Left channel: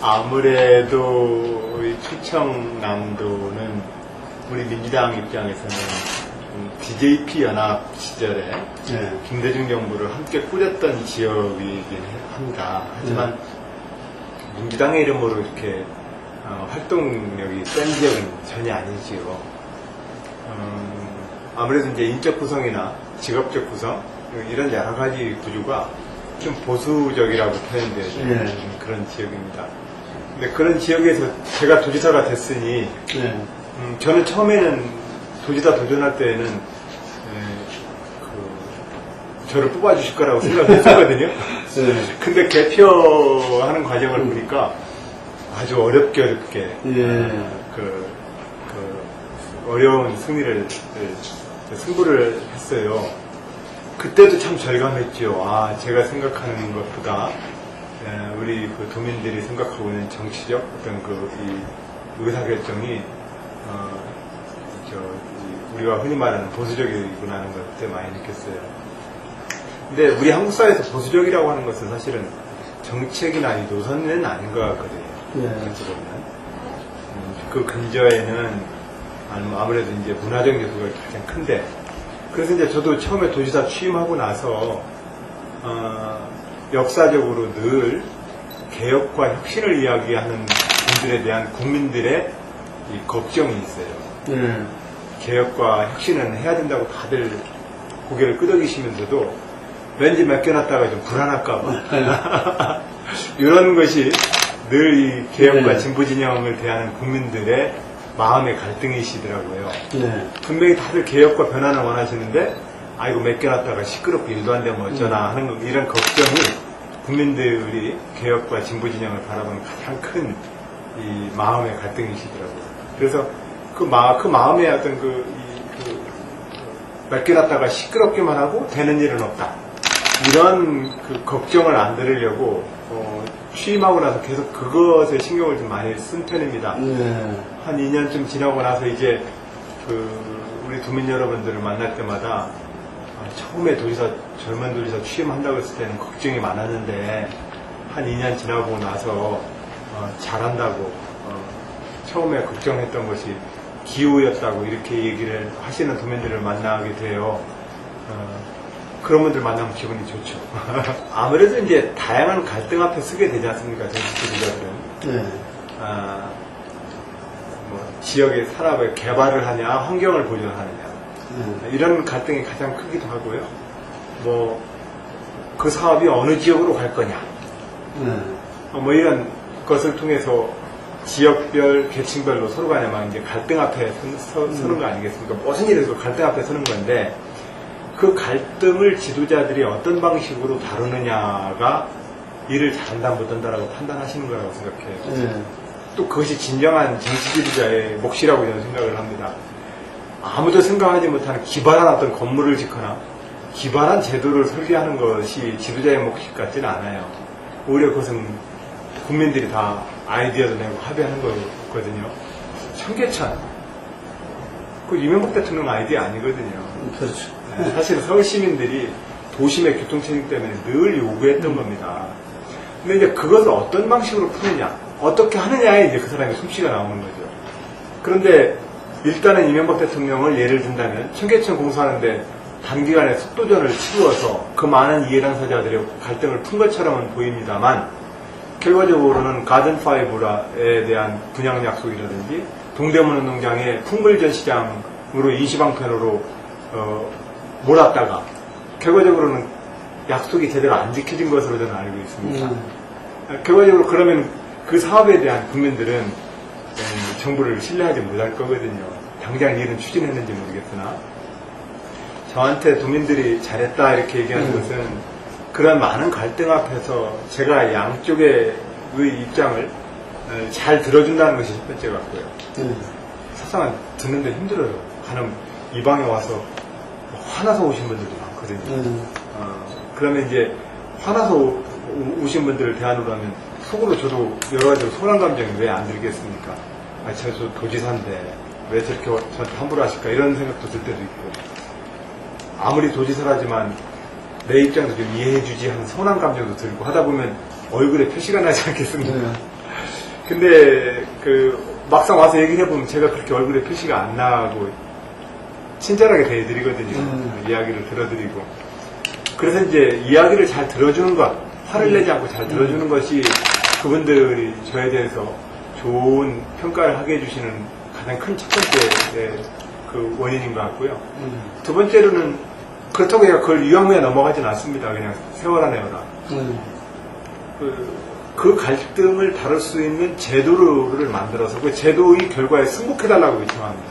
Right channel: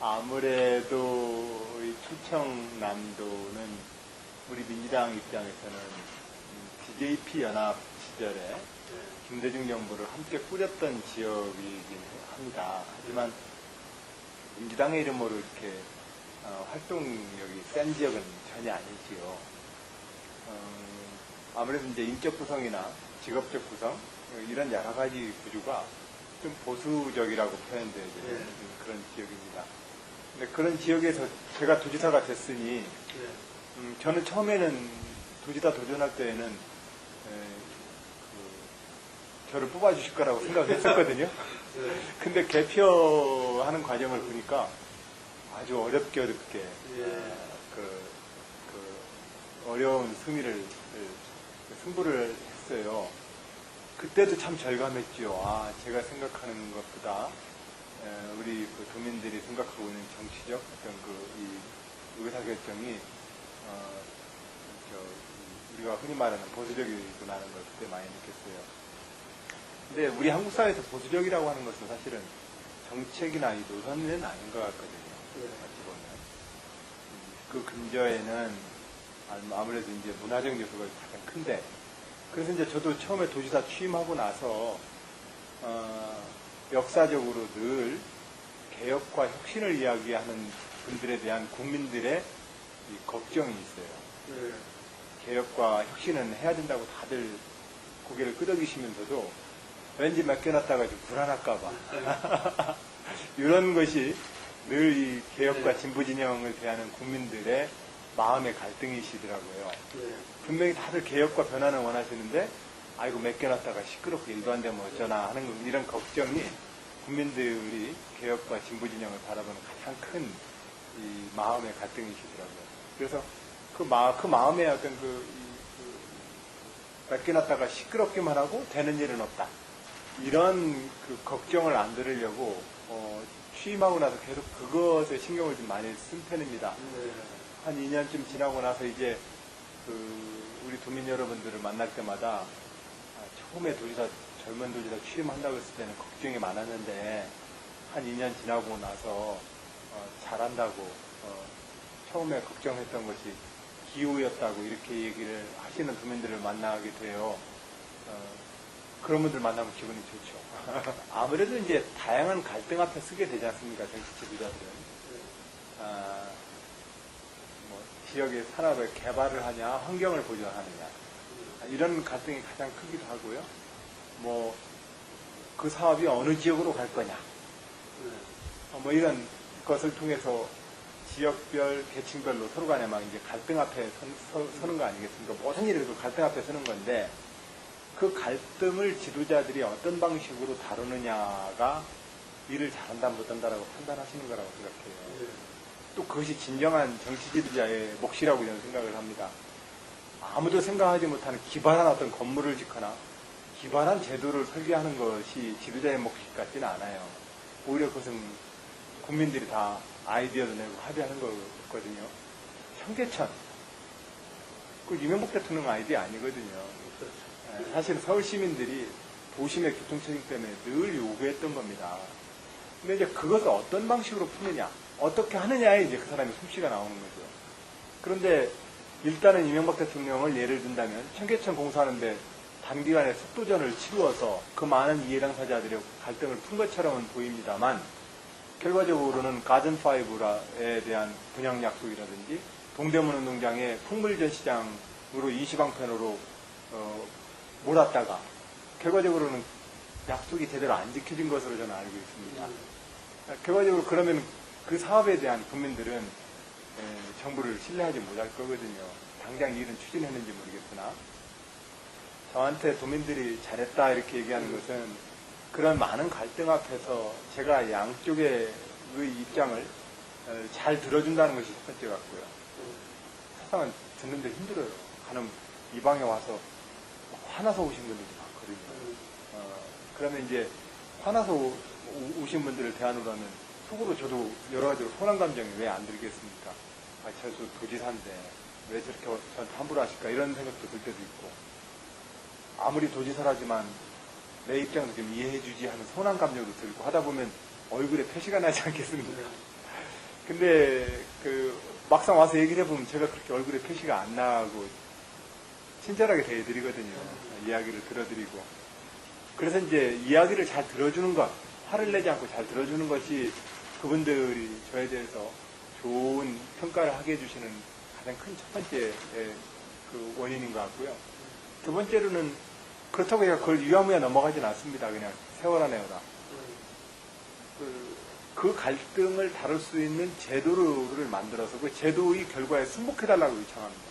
아무래도 이 충청남도는 우리 민주당 입장에서는 DJP 연합 시절에 네. 김대중 정부를 함께 꾸렸던 지역이긴 합니다. 하지만 민주당의 이름으로 이렇게 활동력이 센 지역은 전혀 아니지요. 아무래도 이제 인적 구성이나 직업적 구성 이런 여러 가지 구조가 좀 보수적이라고 표현되는 그런 지역입니다. 근데 그런 지역에서 제가 도지사가 됐으니 저는 처음에는 도지사 도전할 때에는 저를 뽑아주실 거라고 생각했었거든요. 근데 개표하는 과정을 보니까 아주 어렵게 어려운 승부를 했어요. 그때도 참 절감했죠. 아, 제가 생각하는 것보다 우리 그 도민들이 생각하고 있는 정치적 어떤 이 의사결정이 우리가 흔히 말하는 보수적이구나 하는 걸 그때 많이 느꼈어요. 근데 우리 한국 사회에서 보수적이라고 하는 것은 사실은 정책이나 이 노선은 아닌 것 같거든요. 그렇지 보면 그 근저에는 아무래도 이제 문화적 요소가 가장 큰데, 그래서 이제 저도 처음에 도지사 취임하고 나서 역사적으로 늘 개혁과 혁신을 이야기하는 분들에 대한 국민들의 이 걱정이 있어요. 개혁과 혁신은 해야 된다고 다들 고개를 끄덕이시면서도 왠지 맡겨놨다가 좀 불안할까봐 이런 것이 늘 이 개혁과 진보 진영을 대하는 국민들의 마음의 갈등이시더라고요. 분명히 다들 개혁과 변화를 원하시는데 아이고 맡겨놨다가 시끄럽고 일도 안 되면 어쩌나 하는 이런 걱정이 국민들이 개혁과 진보 진영을 바라보는 가장 큰 이 마음의 갈등이시더라고요. 그래서 그 마음의 어떤 맡겨놨다가 시끄럽기만 하고 되는 일은 없다. 이런 그 걱정을 안 들으려고 취임하고 나서 계속 그것에 신경을 좀 많이 쓴 편입니다. 한 2년쯤 지나고 나서 이제 우리 도민 여러분들을 만날 때마다 처음에 젊은 도지사 취임한다고 했을 때는 걱정이 많았는데 한 2년 지나고 나서 잘한다고 처음에 걱정했던 것이 기우였다고 이렇게 얘기를 하시는 도민들을 만나게 돼요. 그런 분들 만나면 기분이 좋죠. 아무래도 이제 다양한 갈등 앞에 서게 되지 않습니까, 정치지도자들은. 지역의 산업의 개발을 하냐, 환경을 보존하느냐. 이런 갈등이 가장 크기도 하고요. 그 사업이 어느 지역으로 갈 거냐. 이런 것을 통해서 지역별, 계층별로 서로 간에 막 이제 갈등 앞에 서는 거 아니겠습니까? 무슨 일에서 갈등 앞에 서는 건데, 그 갈등을 지도자들이 어떤 방식으로 다루느냐가 일을 잘한다 못한다라고 판단하시는 거라고 생각해요. 또 그것이 진정한 정치 지도자의 몫이라고 저는 생각을 합니다. 아무도 생각하지 못하는 기발한 어떤 건물을 짓거나 기발한 제도를 설계하는 것이 지도자의 몫이 같지는 않아요. 오히려 그것은 국민들이 다 아이디어도 내고 합의하는 거거든요. 청계천, 그 이명박 대통령 아이디어 아니거든요. 그렇죠. 사실 서울 시민들이 도심의 교통체증 때문에 늘 요구했던 겁니다. 근데 이제 그것을 어떤 방식으로 푸느냐, 어떻게 하느냐에 이제 그 사람의 솜씨가 나오는 거죠. 그런데 일단은 이명박 대통령을 예를 든다면 청계천 공사하는데 단기간에 속도전을 치루어서 그 많은 이해 당사자들의 갈등을 푼 것처럼은 보입니다만, 결과적으로는 가든5에 대한 분양 약속이라든지 동대문 운동장의 풍물전 시장으로 임시방편으로 몰았다가 결과적으로는 약속이 제대로 안 지켜진 것으로 저는 알고 있습니다. 결과적으로 그러면 그 사업에 대한 국민들은 정부를 신뢰하지 못할 거거든요. 당장 일은 추진했는지 모르겠으나 저한테 도민들이 잘했다 이렇게 얘기하는 것은 그런 많은 갈등 앞에서 제가 양쪽의 입장을 잘 들어준다는 것이 첫 번째 같고요. 사실은 듣는데 힘들어요. 가는 이 방에 와서 화나서 오신 분들도 많거든요. 그러면 이제 화나서 오신 분들을 대안으로 하면 속으로 저도 여러 가지로 소란 감정이 왜 안 들겠습니까? 저 도지사인데 왜 저렇게 저한테 함부로 하실까 이런 생각도 들 때도 있고, 아무리 도지사라지만 내 입장도 좀 이해해주지 하는 서운한 감정도 들고 하다 보면 얼굴에 표시가 나지 않겠습니까? 근데 막상 와서 얘기를 해보면 제가 그렇게 얼굴에 표시가 안 나고 친절하게 대해드리거든요. 이야기를 들어드리고. 그래서 이제 이야기를 잘 들어주는 것, 화를 내지 않고 잘 들어주는 것이 그분들이 저에 대해서 좋은 평가를 하게 해주시는 가장 큰 첫 번째 그 원인인 것 같고요. 두 번째로는 그렇다고 해서 그걸 유야무야 넘어가진 않습니다. 그냥 세워라 내어라. 그 갈등을 다룰 수 있는 제도를 만들어서 그 제도의 결과에 승복해달라고 요청합니다.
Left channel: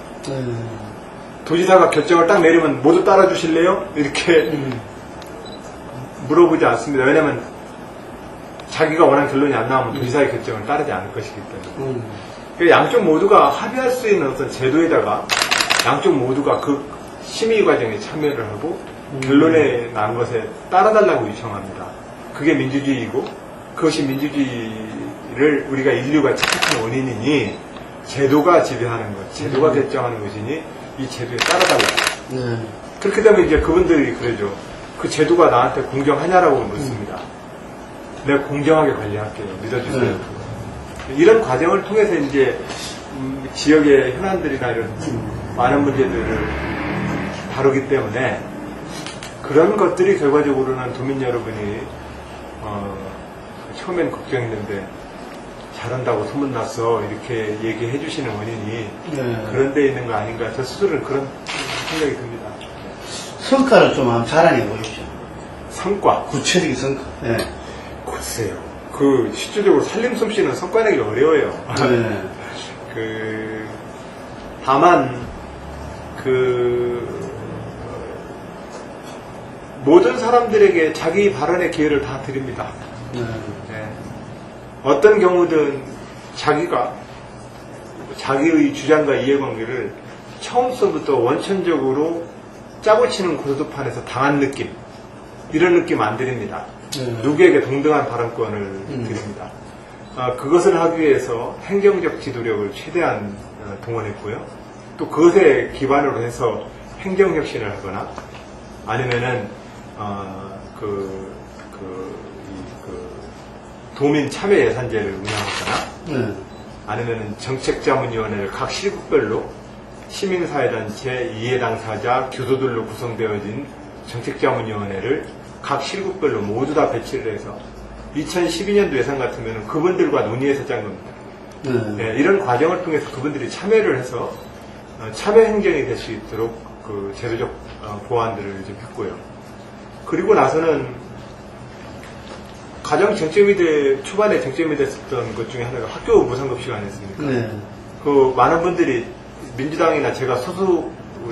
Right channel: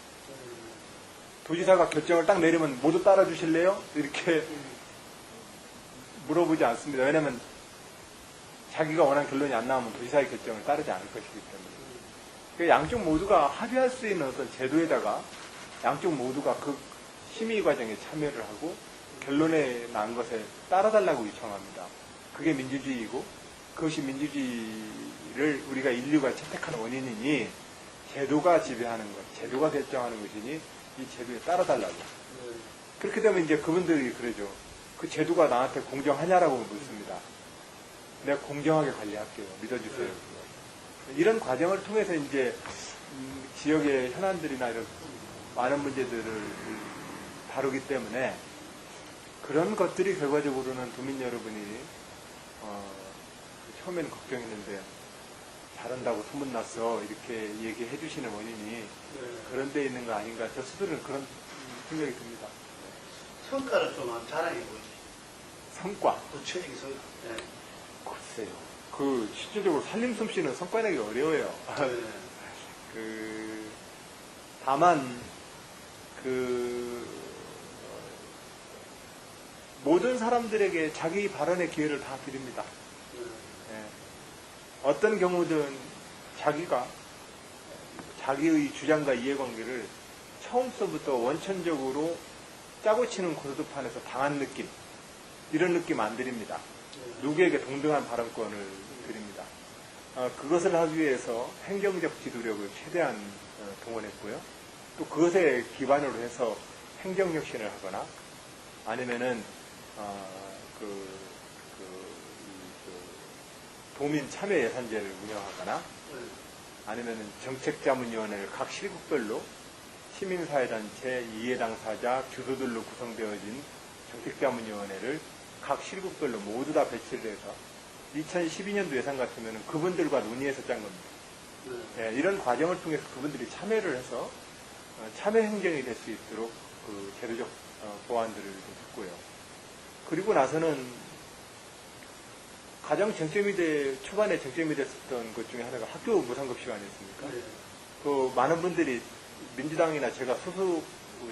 도지사가 결정을 딱 내리면 모두 따라주실래요? 이렇게 물어보지 않습니다. 왜냐하면 자기가 원하는 결론이 안 나오면 도지사의 결정을 따르지 않을 것이기 때문에. 그러니까 양쪽 모두가 합의할 수 있는 어떤 제도에다가 양쪽 모두가 그 심의 과정에 참여를 하고 결론에 난 것에 따라달라고 요청합니다. 그게 민주주의이고 그것이 민주주의를 우리가 인류가 착각한 원인이니 제도가 지배하는 것, 제도가 결정하는 것이니 이 제도에 따라달라. 그렇게 되면 이제 그분들이 그러죠. 그 제도가 나한테 공정하냐라고 묻습니다. 내가 공정하게 관리할게요. 믿어주세요. 이런 과정을 통해서 이제 지역의 현안들이나 이런 많은 문제들을 다루기 때문에 그런 것들이 결과적으로는 도민 여러분이 처음엔 걱정했는데 잘한다고 소문났어 이렇게 얘기해 주시는 원인이 그런 데 있는 거 아닌가 저 스스로는 그런 생각이 듭니다. 성과를 좀 한번 자랑해 보십시오. 성과? 구체적인 성과. 글쎄요. 실질적으로 살림 솜씨는 성과 내기 어려워요. 다만 모든 사람들에게 자기 발언의 기회를 다 드립니다. 어떤 경우든 자기의 주장과 이해관계를 처음서부터 원천적으로 짜고 치는 고스톱판에서 당한 느낌, 이런 느낌 안 드립니다. 누구에게 동등한 발언권을 드립니다. 그것을 하기 위해서 행정적 지도력을 최대한 동원했고요. 또 그것에 기반으로 해서 행정혁신을 하거나 아니면은 도민 참여 예산제를 운영하거나 아니면은 정책자문위원회를 각 시국별로 시민사회단체, 이해 당사자, 교도들로 구성되어진 정책자문위원회를 각 시국별로 모두 다 배치를 해서 2012년도 예산 같으면 그분들과 논의해서 짠 겁니다. 이런 과정을 통해서 그분들이 참여를 해서 참여 행정이 될 수 있도록 그 제도적 보완들을 좀 했고요. 그리고 나서는 가장 초반에 쟁점이 됐었던 것 중에 하나가 학교 무상급식 아니었습니까? 많은 분들이 민주당이나 제가 소수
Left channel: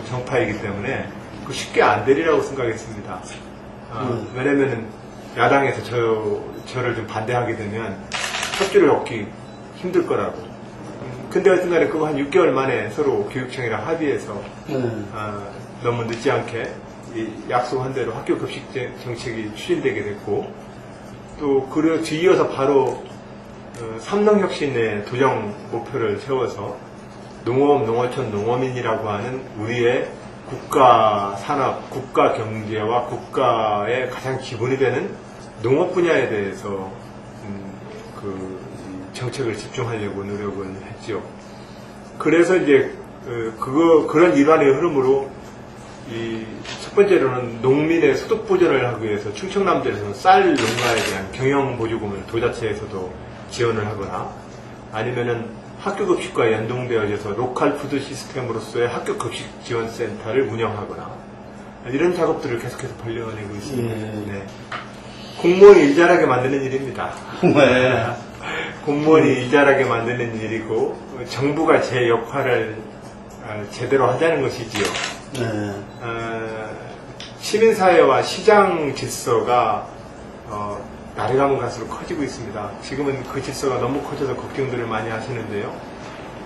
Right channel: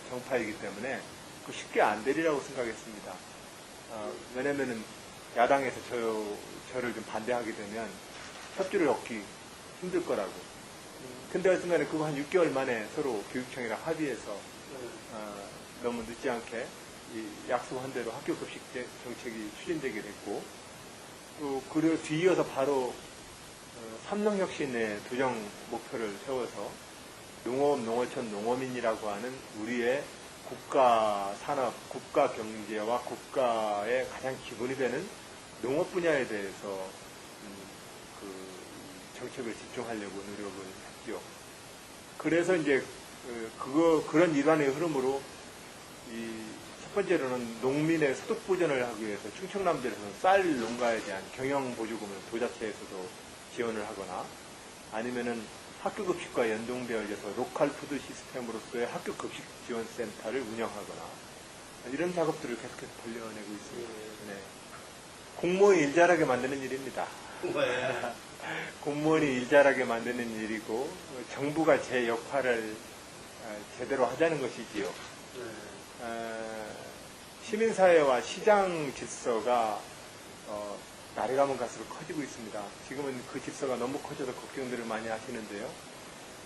정파이기 때문에 쉽게 안 되리라고 생각했습니다. 왜냐면은 야당에서 저를 좀 반대하게 되면 협조를 얻기 힘들 거라고. 근데 하여튼 간에 그거 한 6개월 만에 서로 교육청이랑 합의해서 너무 늦지 않게 약속한 대로 학교 급식 정책이 추진되게 됐고 또 그리고 뒤이어서 바로 삼농혁신의 도정 목표를 세워서 농업, 농어촌, 농어민이라고 하는 우리의 국가 산업, 국가 경제와 국가의 가장 기본이 되는 농업 분야에 대해서 정책을 집중하려고 노력을 했죠. 그래서 이제 그런 일환의 흐름으로 첫 번째로는 농민의 소득 보전을 하기 위해서 충청남도에서 쌀 농가에 대한 경영보조금을 도자체에서도 지원을 하거나 아니면은 학교급식과 연동되어져서 로컬 푸드 시스템으로서의 학교급식지원센터를 운영하거나 이런 작업들을 계속해서 벌려내고 있습니다. 공무원이 일잘하게 만드는 일입니다. 공무원이 일잘하게 만드는 일이고 정부가 제 역할을 제대로 하자는 것이지요. 시민사회와 시장 질서가 날이 가면 갈수록 커지고 있습니다. 지금은 그 질서가 너무 커져서 걱정들을 많이 하시는데요.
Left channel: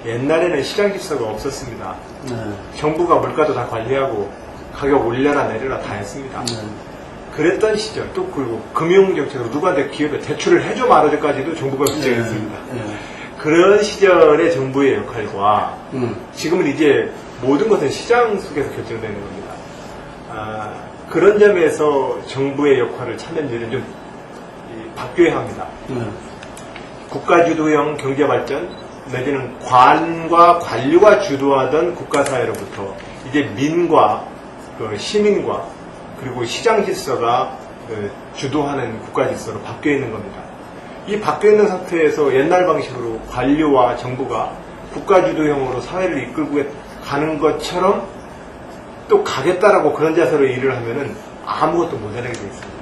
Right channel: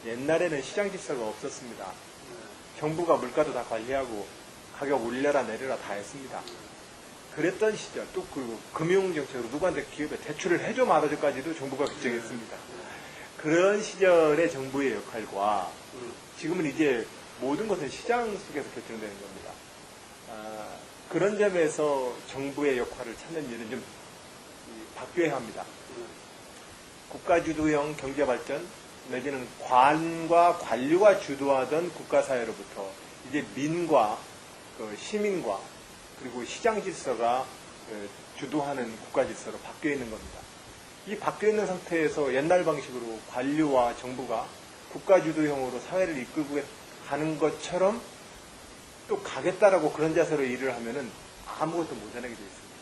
옛날에는 시장 질서가 없었습니다. 정부가 물가도 다 관리하고 가격 올려라 내려라 다 했습니다. 그랬던 시절 또 그리고 금융정책으로 누구한테 기업에 대출을 해줘 말아줘까지도 정부가 결정했습니다. 그런 시절의 정부의 역할과 지금은 이제 모든 것은 시장 속에서 결정되는 겁니다. 그런 점에서 정부의 역할을 찾는 일은 좀 바뀌어야 합니다. 국가주도형 경제발전 내지는 관과 관료가 주도하던 국가사회로부터 이제 민과 시민과 그리고 시장 질서가 주도하는 국가 질서로 바뀌어 있는 겁니다. 이 바뀌어 있는 상태에서 옛날 방식으로 관료와 정부가 국가주도형으로 사회를 이끌고 가는 것처럼 또 가겠다라고 그런 자세로 일을 하면은 아무것도 못해내게 되어 있습니다.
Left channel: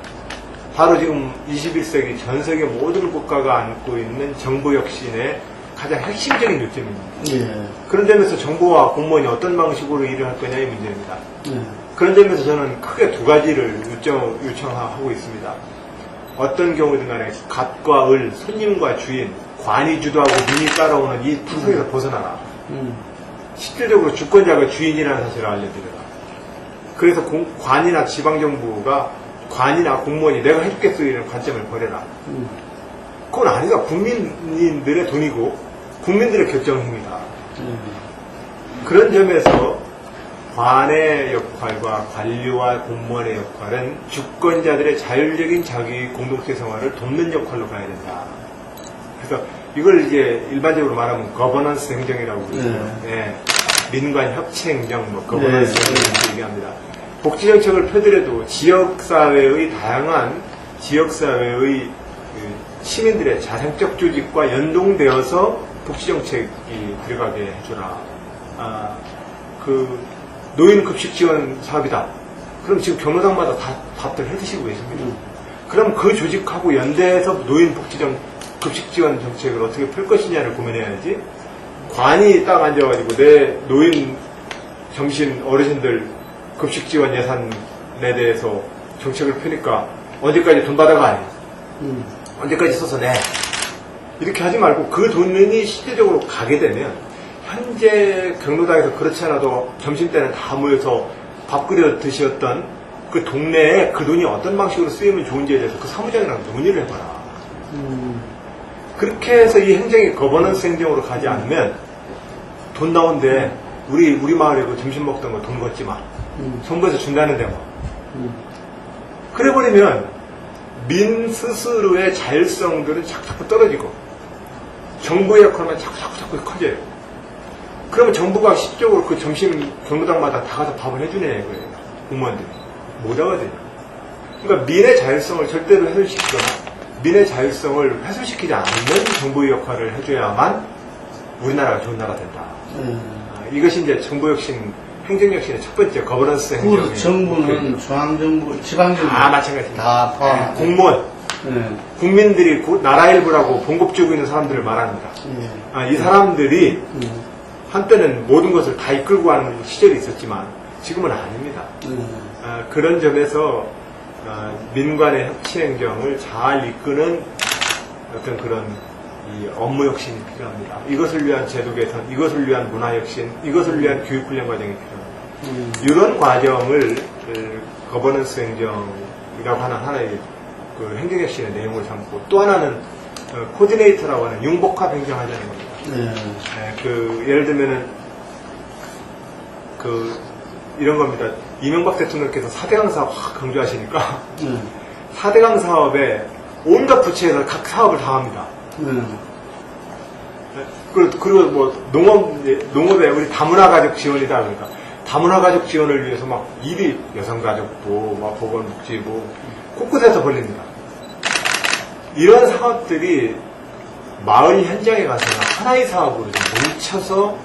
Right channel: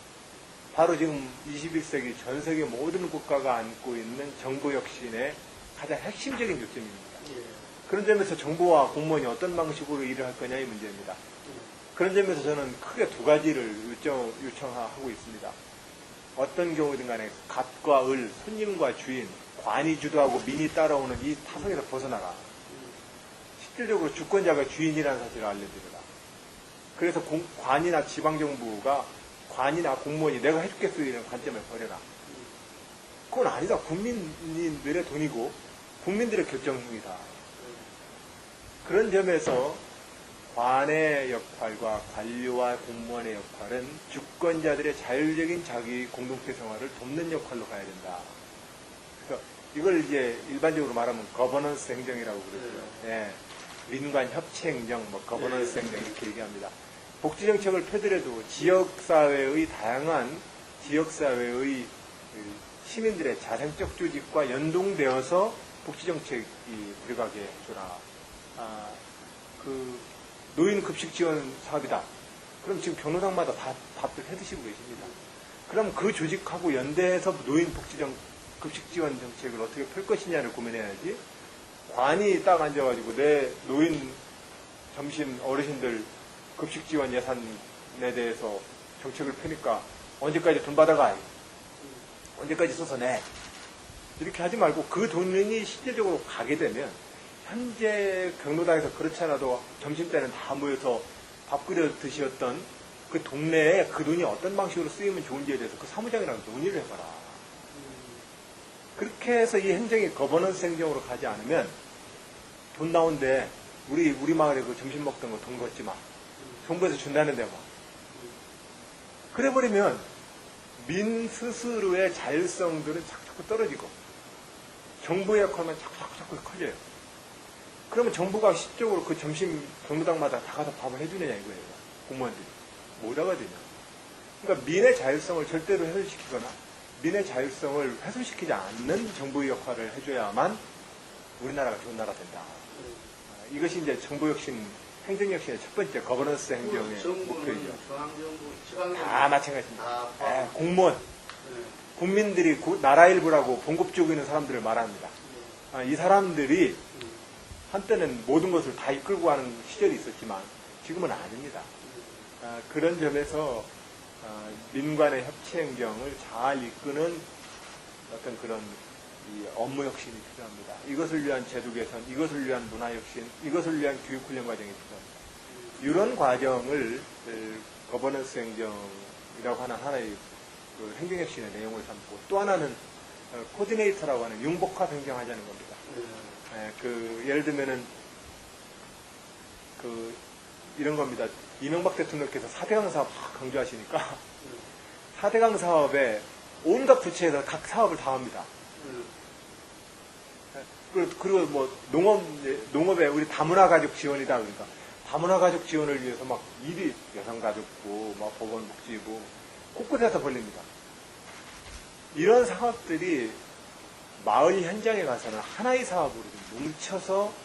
바로 지금 21세기 전 세계 모든 국가가 안고 있는 정부 혁신의 가장 핵심적인 요점입니다. 예. 그런 점에서 정부와 공무원이 어떤 방식으로 일을 할 거냐의 문제입니다. 예. 그런 점에서 저는 크게 두 가지를 요청하고 있습니다. 어떤 경우든 간에 갓과 을, 손님과 주인, 관이 주도하고 민이 따라오는 이 타성에서 벗어나라. 실질적으로 주권자가 주인이라는 사실을 알려드려라. 그래서 관이나 지방정부가 관이나 공무원이 내가 해주겠어 이런 관점을 버려라. 그건 아니다. 국민들의 돈이고 국민들의 결정입니다. 그런 점에서 관의 역할과 관료와 공무원의 역할은 주권자들의 자율적인 자기 공동체 생활을 돕는 역할로 가야 된다. 그래서 이걸 이제 일반적으로 말하면 거버넌스 행정이라고 그러죠. 예. 민관 협체 행정, 거버넌스 행정 얘기합니다. 복지정책을 펴더라도 지역사회의 다양한 지역사회의 시민들의 자생적 조직과 연동되어서 복지정책이 들어가게 해주라. 노인급식 지원 사업이다. 그럼 지금 경로당마다 다들 해드시고 계십니다. 그럼 그 조직하고 연대해서 급식 지원 정책을 어떻게 풀 것이냐를 고민해야지. 관이 딱 앉아가지고 내 노인 점심 어르신들 급식 지원 예산에 대해서 정책을 펴니까 언제까지 돈 받아가? 언제까지 써서 내? 이렇게 하지 말고 그 돈이 실질적으로 가게 되면 현재 경로당에서 그렇지 않아도 점심때는 다 모여서 밥 끓여 드셨던 그 동네에 그 돈이 어떤 방식으로 쓰이면 좋은지에 대해서 그 사무장이랑 논의를 해봐라. 그렇게 해서 이 행정이 거버넌스 행정으로 가지 않으면 돈 나온데 우리 마을에 그 점심 먹던 거 돈 걷지 마. 정부에서 준다는데 뭐. 그래버리면 민 스스로의 자율성들은 자꾸 떨어지고 정부의 역할만 자꾸 커져요. 그러면 정부가 실질적으로 그 점심 경로당마다 다 가서 밥을 해주네 그래요. 공무원들이. 못 하거든요. 그러니까 민의 자율성을 절대로 훼손시키거나 민의 자율성을 훼손시키지 않는 정부의 역할을 해줘야만 우리나라가 좋은 나라가 된다. 이것이 이제 정부혁신, 행정혁신의 첫 번째 거버넌스 행정. 정부는 중앙정부, 지방정부 다 마찬가지입니다. 다 포함. 공무원, 국민들이 나라 일부라고 봉급주고 있는 사람들을 말합니다. 이 사람들이 한때는 모든 것을 다 이끌고 가는 시절이 있었지만 지금은 아닙니다. 그런 점에서 민관의 협치행정을 잘 이끄는 어떤 그런 이 업무 혁신이 필요합니다. 이것을 위한 제도 개선, 이것을 위한 문화 혁신, 이것을 위한 교육 훈련 과정이 필요합니다. 이런 과정을 거버넌스 행정이라고 하는 하나의 그 행정 혁신의 내용을 삼고 또 하나는 코디네이터라고 하는 융복합 행정하자는 겁니다. 예를 들면은 이런 겁니다. 이명박 대통령께서 4대강 사업 확 강조하시니까 4대강 사업에 온갖 부처에서 각 사업을 다 합니다. 그리고 뭐 농업에 우리 다문화 가족 지원이다 그러니까 다문화 가족 지원을 위해서 막 일이 여성가족부, 막 보건복지부 곳곳에서 벌립니다. 이런 사업들이 마을 현장에 가서는 하나의 사업으로 좀 뭉쳐서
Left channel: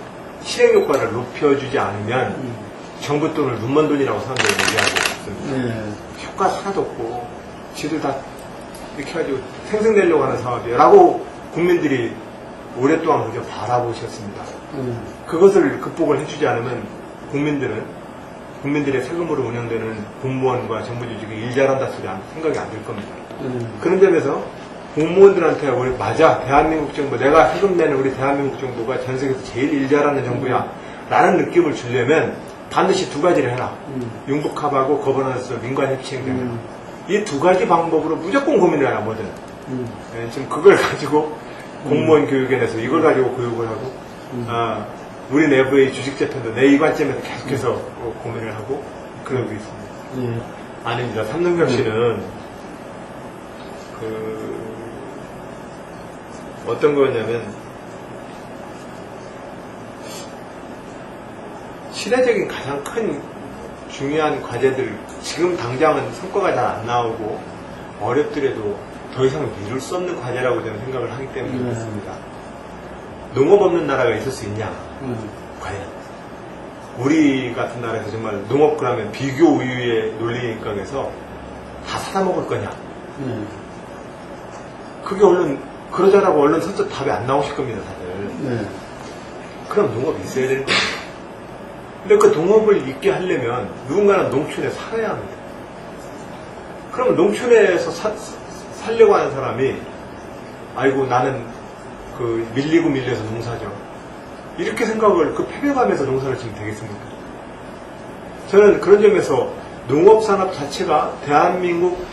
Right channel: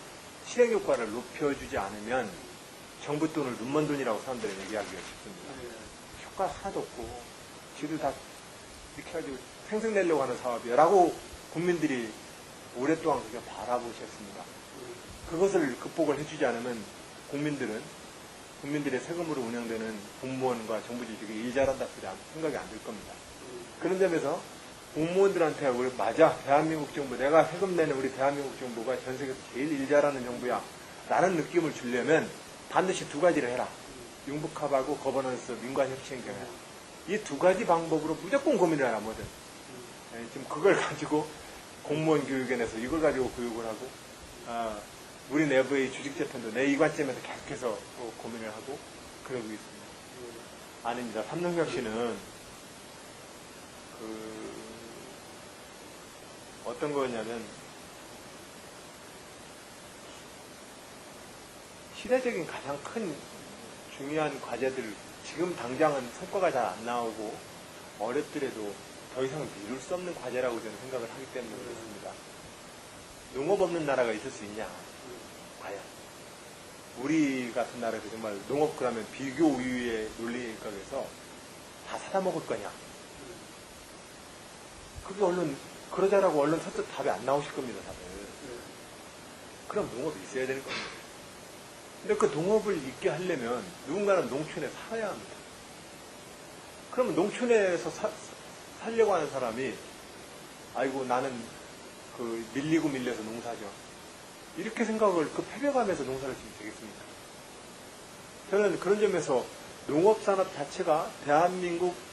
실행 효과를 높여주지 않으면 정부 돈을 눈먼 돈이라고 사람들이 얘기하고 있습니다. 효과 하나도 없고 지들 다 이렇게 해가지고 생색내려고 하는 사업이야 라고 국민들이 오랫동안 그저 바라보셨습니다. 그것을 극복을 해주지 않으면 국민들의 세금으로 운영되는 공무원과 정부 조직이 일 잘한다 소리 생각이 안 들 겁니다. 그런 점에서 공무원들한테 우리 맞아 대한민국 정부 내가 세금 내는 우리 대한민국 정부가 전 세계에서 제일 일 잘하는 정부야 라는 느낌을 주려면 반드시 두 가지를 해라. 융복합하고 거버넌스 민관협치행정이라. 이 두 가지 방법으로 무조건 고민을 해라 뭐든. 지금 그걸 가지고 공무원 교육에 대해서 이걸 가지고 교육을 하고 우리 내부의 주식재편도 내 이 관점에서 계속해서 고민을 하고 그러고 있습니다. 아닙니다. 삼능혁신은 어떤 거였냐면 시대적인 가장 큰 중요한 과제들 지금 당장은 성과가 잘 안 나오고 어렵더라도 더 이상 미룰 수 없는 과제라고 저는 생각을 하기 때문에 그렇습니다. 농업 없는 나라가 있을 수 있냐? 과연 우리 같은 나라에서 정말 농업 그러면 비교 우유의 논리인가에서 다 사다 먹을 거냐? 그게 얼른 그러자라고 얼른 선뜻 답이 안 나오실 겁니다, 다들. 그럼 농업이 있어야 되는 거예요. 근데 그 농업을 있게 하려면 누군가는 농촌에 살아야 합니다. 그러면 농촌에서 살려고 하는 사람이 아이고 나는 그 밀리고 밀려서 농사죠. 이렇게 생각을 그 패배감에서 농사를 지면 되겠습니까? 저는 그런 점에서 농업산업 자체가 대한민국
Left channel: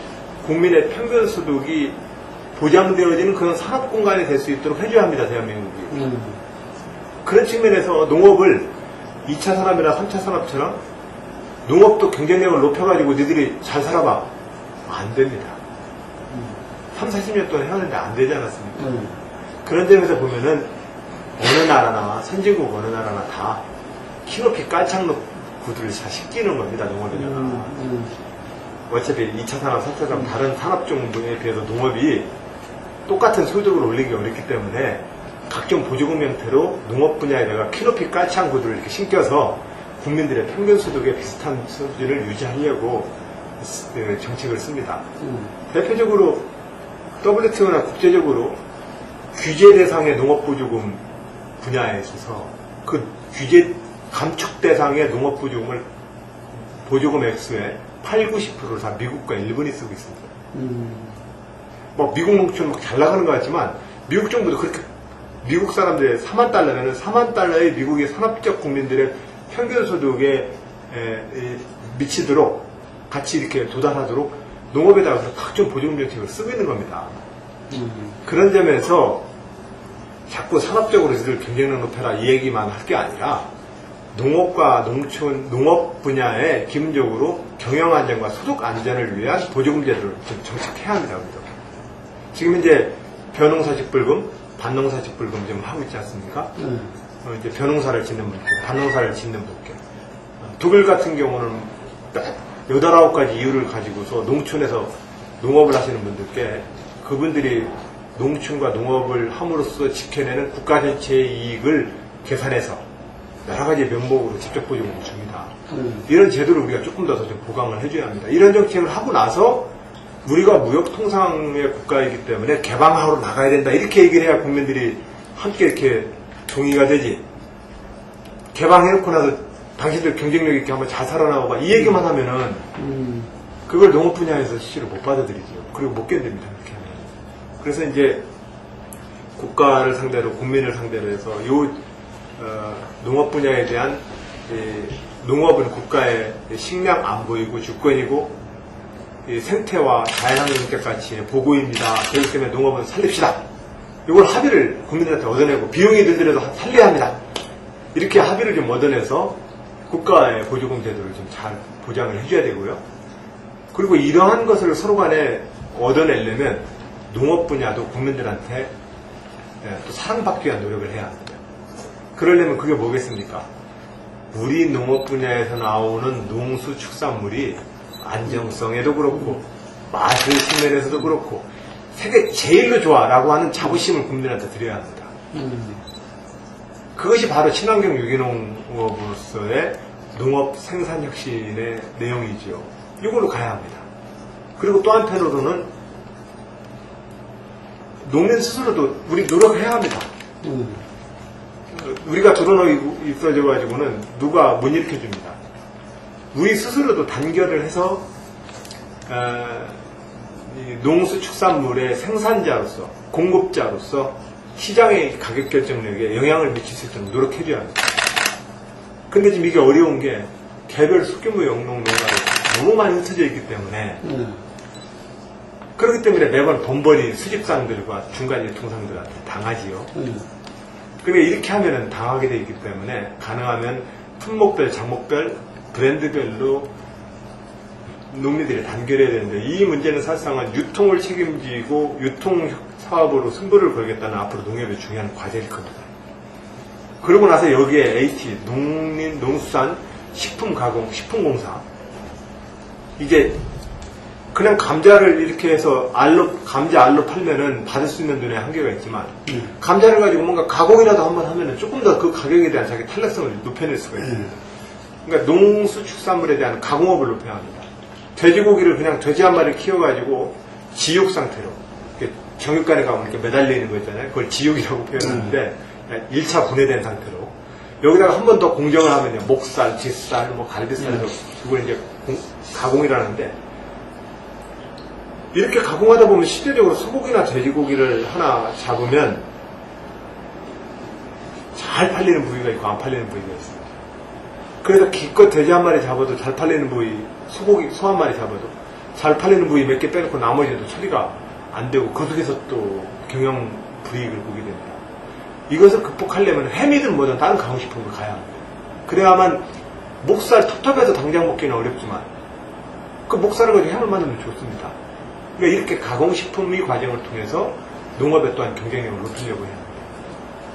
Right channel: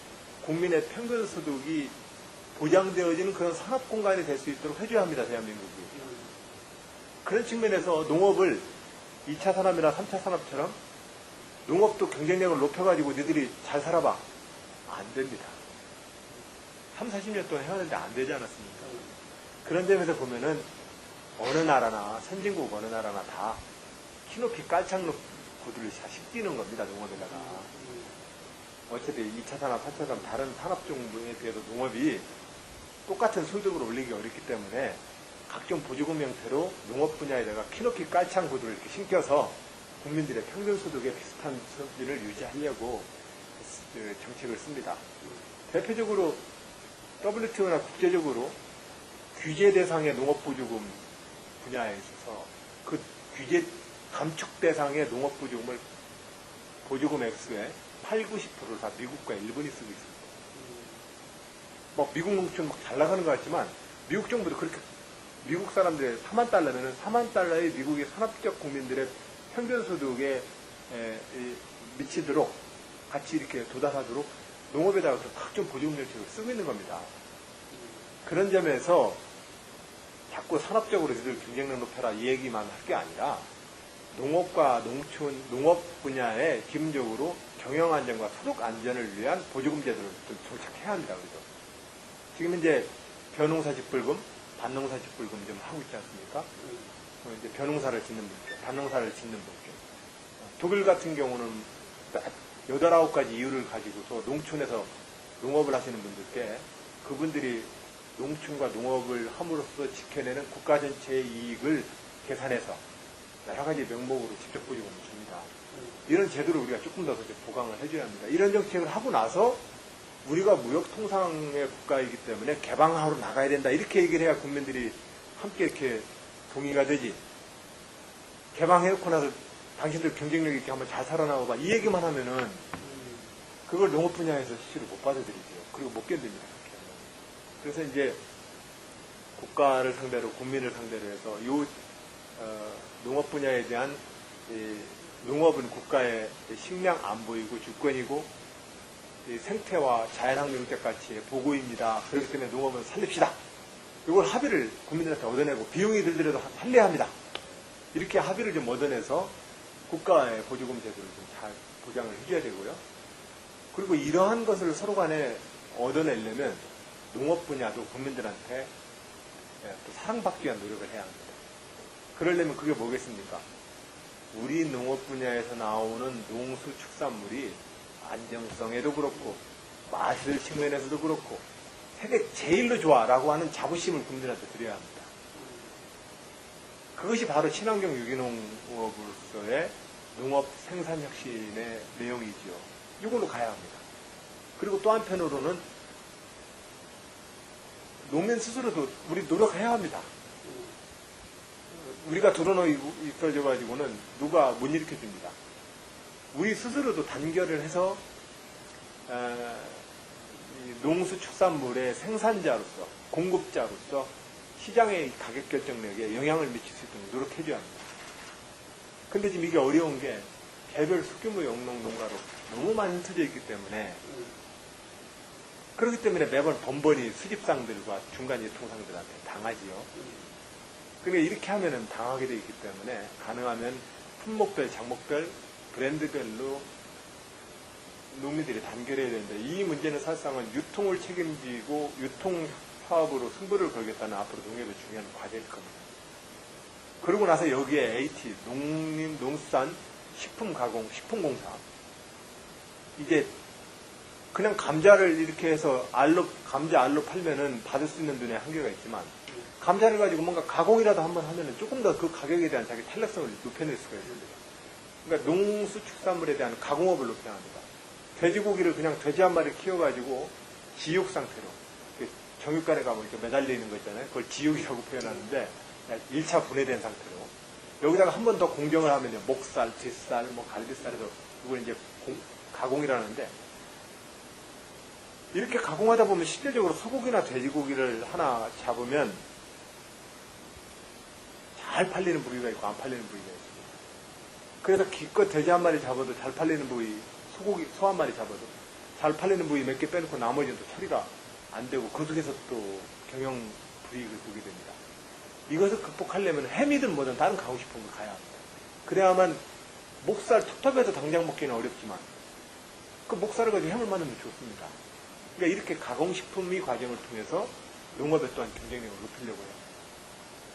국민의 평균 소득이 보장되어지는 그런 산업 공간이 될 수 있도록 해줘야 합니다, 대한민국이. 그런 측면에서 농업을 2차 산업이나 3차 산업처럼 농업도 경쟁력을 높여가지고 너희들이 잘 살아봐. 안 됩니다. 3, 40년 동안 해왔는데 안 되지 않았습니까? 그런 점에서 보면은 어느 나라나 선진국 어느 나라나 다 키높이 깔창 구두를 잘 시키는 겁니다, 농업에다가. 어차피 2차 산업, 3차 산업 다른 산업 종류에 비해서 농업이 똑같은 소득을 올리기 어렵기 때문에 각종 보조금 형태로 농업 분야에다가 키높이 깔창 구두를 이렇게 신겨서 국민들의 평균 소득에 비슷한 수준을 유지하려고 정책을 씁니다. 대표적으로 WTO나 국제적으로 규제 대상의 농업보조금 분야에 있어서 그 규제 감축 대상의 농업보조금을 보조금 액수의 8, 90%를 다 미국과 일본이 쓰고 있습니다. 뭐 미국 농촌 막 잘 나가는 것 같지만 미국 정부도 그렇게 미국 사람들의 4만 달러면은 4만 달러의 미국의 산업적 국민들의 평균 소득에 미치도록 같이 이렇게 도달하도록 농업에다가 각종 보조금 정책을 쓰고 있는 겁니다. 그런 점에서 자꾸 산업적으로 이들 경쟁력 높여라 이 얘기만 할 게 아니라 농업과 농촌, 농업 분야에 기본적으로 경영 안전과 소득 안전을 위한 보조금 제도를 정착해야 합니다. 지금 이제 벼농사직불금, 반농사직불금 좀 하고 있지 않습니까? 이제 벼농사를 짓는 분께, 반농사를 짓는 분께. 독일 같은 경우는 8, 9가지 이유를 가지고서 농촌에서 농업을 하시는 분들께 그분들이 농촌과 농업을 함으로써 지켜내는 국가 전체의 이익을 계산해서 여러 가지 명목으로 직접 보조금을 줍니다. 이런 제도를 우리가 조금 더 좀 보강을 해줘야 합니다. 이런 정책을 하고 나서 우리가 무역통상의 국가이기 때문에 개방하러 나가야 된다. 이렇게 얘기를 해야 국민들이 함께 이렇게 동의가 되지. 개방해놓고 나서 당신들 경쟁력 있게 한번 잘 살아나가봐. 이 얘기만 하면은 그걸 농업 분야에서 실제로 못 받아들이죠. 그리고 못 견딥니다. 그렇게 하면. 그래서 이제 국가를 상대로, 국민을 상대로 해서 농업 분야에 대한 농업은 국가의 식량 안보이고 주권이고 생태와 자연환경 획득가치의 보고입니다. 그렇기 때문에 농업은 살립시다. 이걸 합의를 국민들한테 얻어내고 비용이 들더라도 살려야 합니다. 이렇게 합의를 좀 얻어내서 국가의 보조금 제도를 좀 잘 보장을 해줘야 되고요. 그리고 이러한 것을 서로 간에 얻어내려면 농업 분야도 국민들한테 또 사랑받기 위한 노력을 해야 합니다. 그러려면 그게 뭐겠습니까? 우리 농업 분야에서 나오는 농수축산물이 안정성에도 그렇고 맛의 측면에서도 그렇고 세계 제일로 좋아라고 하는 자부심을 국민들한테 드려야 합니다. 그것이 바로 친환경 유기농업으로서의 농업 생산 혁신의 내용이죠. 이걸로 가야 합니다. 그리고 또 한편으로는 농민 스스로도 우리 노력해야 합니다. 우리가 드러나고 있어져가지고는 누가 못 일으켜줍니다. 우리 스스로도 단결을 해서 농수축산물의 생산자로서 공급자로서 시장의 가격 결정력에 영향을 미칠 수 있도록 노력해줘야 합니다. 근데 지금 이게 어려운 게 개별 소규모 영농농가가 너무 많이 흩어져 있기 때문에 그렇기 때문에 매번 번번이 수집상들과 중간 유통상들한테 당하지요. 그러니까 이렇게 하면은 당하게 되어 있기 때문에 가능하면 품목별, 작목별, 브랜드별로 농민들이 단결해야 되는데 이 문제는 사실상은 유통을 책임지고 유통 사업으로 승부를 걸겠다는 앞으로 농협의 중요한 과제일 겁니다. 그러고 나서 여기에 AT, 농수산, 식품가공, 식품공사. 이게 그냥 감자를 이렇게 해서 감자 알로 팔면은 받을 수 있는 돈의 한계가 있지만, 감자를 가지고 뭔가 가공이라도 한번 하면은 조금 더 그 가격에 대한 자기 탄력성을 높여낼 수가 있어요. 그러니까 농수축산물에 대한 가공업을 높여야 합니다. 돼지고기를 그냥 돼지 한 마리 키워가지고 지육 상태로, 정육간에 가면 이렇게 매달리는 거 있잖아요. 그걸 지육이라고 표현하는데, 1차 분해된 상태로. 여기다가 한 번 더 공정을 하면요. 목살, 뒷살, 뭐 갈비살에서 그걸 이제 가공이라는데, 이렇게 가공하다 보면 실질적으로 소고기나 돼지고기를 하나 잡으면 잘 팔리는 부위가 있고 안 팔리는 부위가 있습니다. 그래서 기껏 돼지 한 마리 잡아도 잘 팔리는 부위, 소 한 마리 잡아도 잘 팔리는 부위 몇 개 빼놓고 나머지도 처리가 안 되고 그 속에서 또 경영 불이익을 보게 됩니다. 이것을 극복하려면 햄이든 뭐든 다른 가공식품으로 가야 합니다. 그래야만 목살 텁텁해서 당장 먹기는 어렵지만 그 목살을 가지고 햄을 만들면 좋습니다. 그러니까 이렇게 가공식품의 과정을 통해서 농업에 또한 경쟁력을 높이려고 해야 합니다.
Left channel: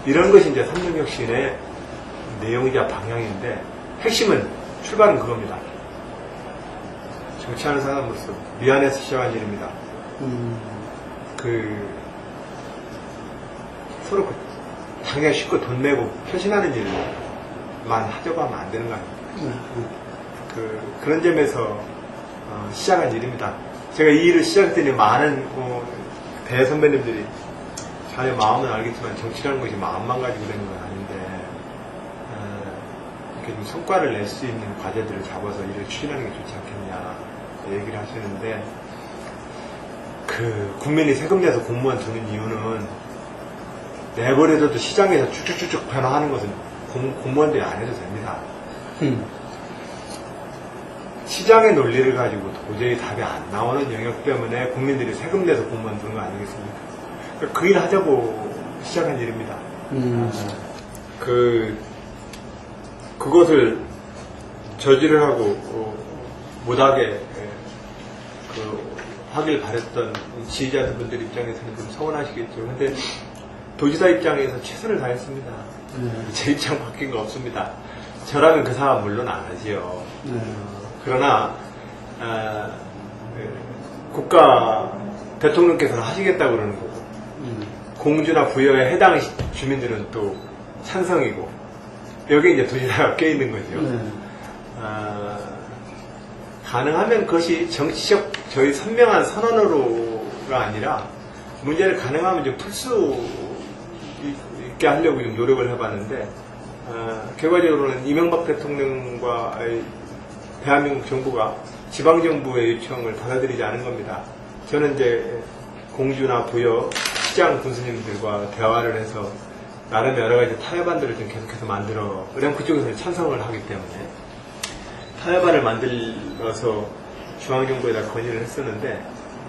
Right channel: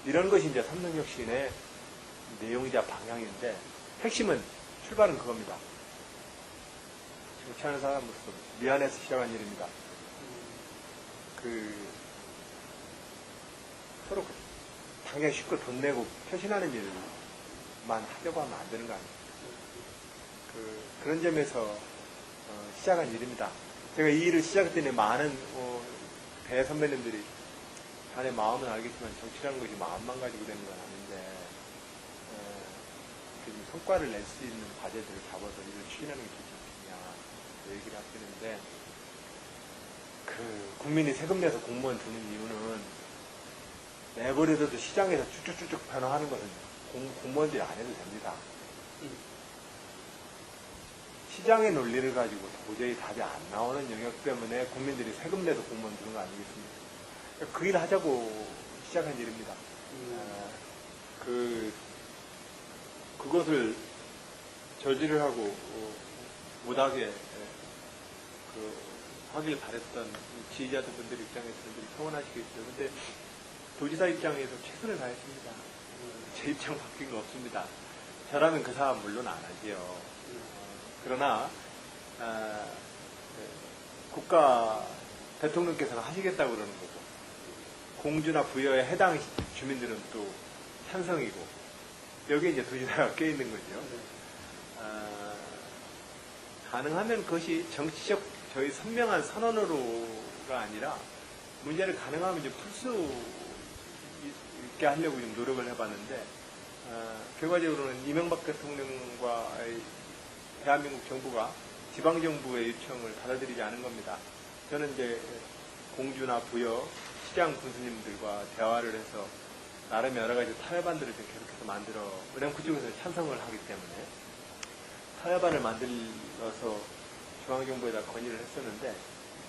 이런 것이 이제 3년 혁신의 내용이자 방향인데 핵심은 출발은 그겁니다. 정치하는 사람으로서 미안해서 시작한 일입니다. 서로 당장 쉽고 돈 내고 표신하는 일만 하자고 하면 안 되는 거 아닙니까? 그런 점에서 시작한 일입니다. 제가 이 일을 시작했더니 많은 대선배님들이 자네 마음은 알겠지만 정치라는 것이 마음만 가지고 되는 건 아닌데 이렇게 좀 성과를 낼 수 있는 과제들을 잡아서 일을 추진하는 게 좋지 않겠냐 얘기를 하시는데 국민이 세금 내서 공무원 두는 이유는 내버려둬도 시장에서 쭉쭉쭉 변화하는 것은 공무원들이 안 해도 됩니다. 시장의 논리를 가지고 도저히 답이 안 나오는 영역 때문에 국민들이 세금 내서 공무원 두는 거 아니겠습니까? 그러니까 그 일 하자고 시작한 일입니다. 그것을 저지를 하고 못하게 하길 바랬던 지지자분들 입장에서는 좀 서운하시겠죠. 근데 도지사 입장에서 최선을 다했습니다. 제 입장 바뀐 거 없습니다. 저라면 그 사람 물론 안 하지요. 그러나 국가 대통령께서는 하시겠다고 그러는 거고 공주나 부여에 해당 주민들은 또 찬성이고 여기 이제 도지사가 껴있는 거죠. 가능하면 그것이 정치적 저희 선명한 선언으로가 아니라 문제를 가능하면 좀 풀 수 있게 하려고 좀 노력을 해봤는데 결과적으로는 이명박 대통령과 대한민국 정부가 지방정부의 요청을 받아들이지 않은 겁니다. 저는 이제 공주나 부여, 시장 군수님들과 대화를 해서 나름 여러 가지 타협안들을 좀 계속해서 만들어, 왜냐면 그쪽에서는 찬성을 하기 때문에 타협안을 만들어서 중앙정부에다 건의를 했었는데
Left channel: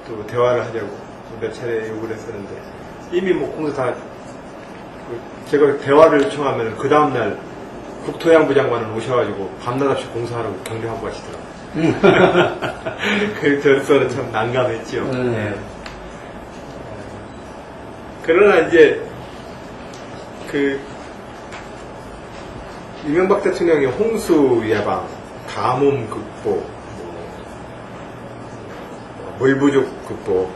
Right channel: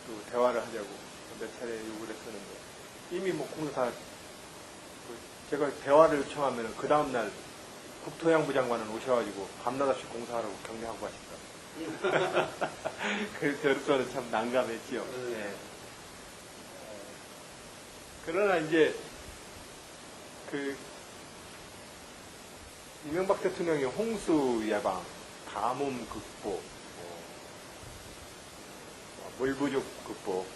또 대화를 하자고 몇 차례 요구를 했었는데 이미 뭐 공수 다 제가 대화를 요청하면 그 다음날 국토해양부 장관은 오셔가지고 밤낮없이 공사하라고 격려하고 가시더라고요. 그래서 참 난감했죠. 네. 그러나 이제 이명박 대통령이 홍수 예방, 가뭄 극복, 물 부족 극복,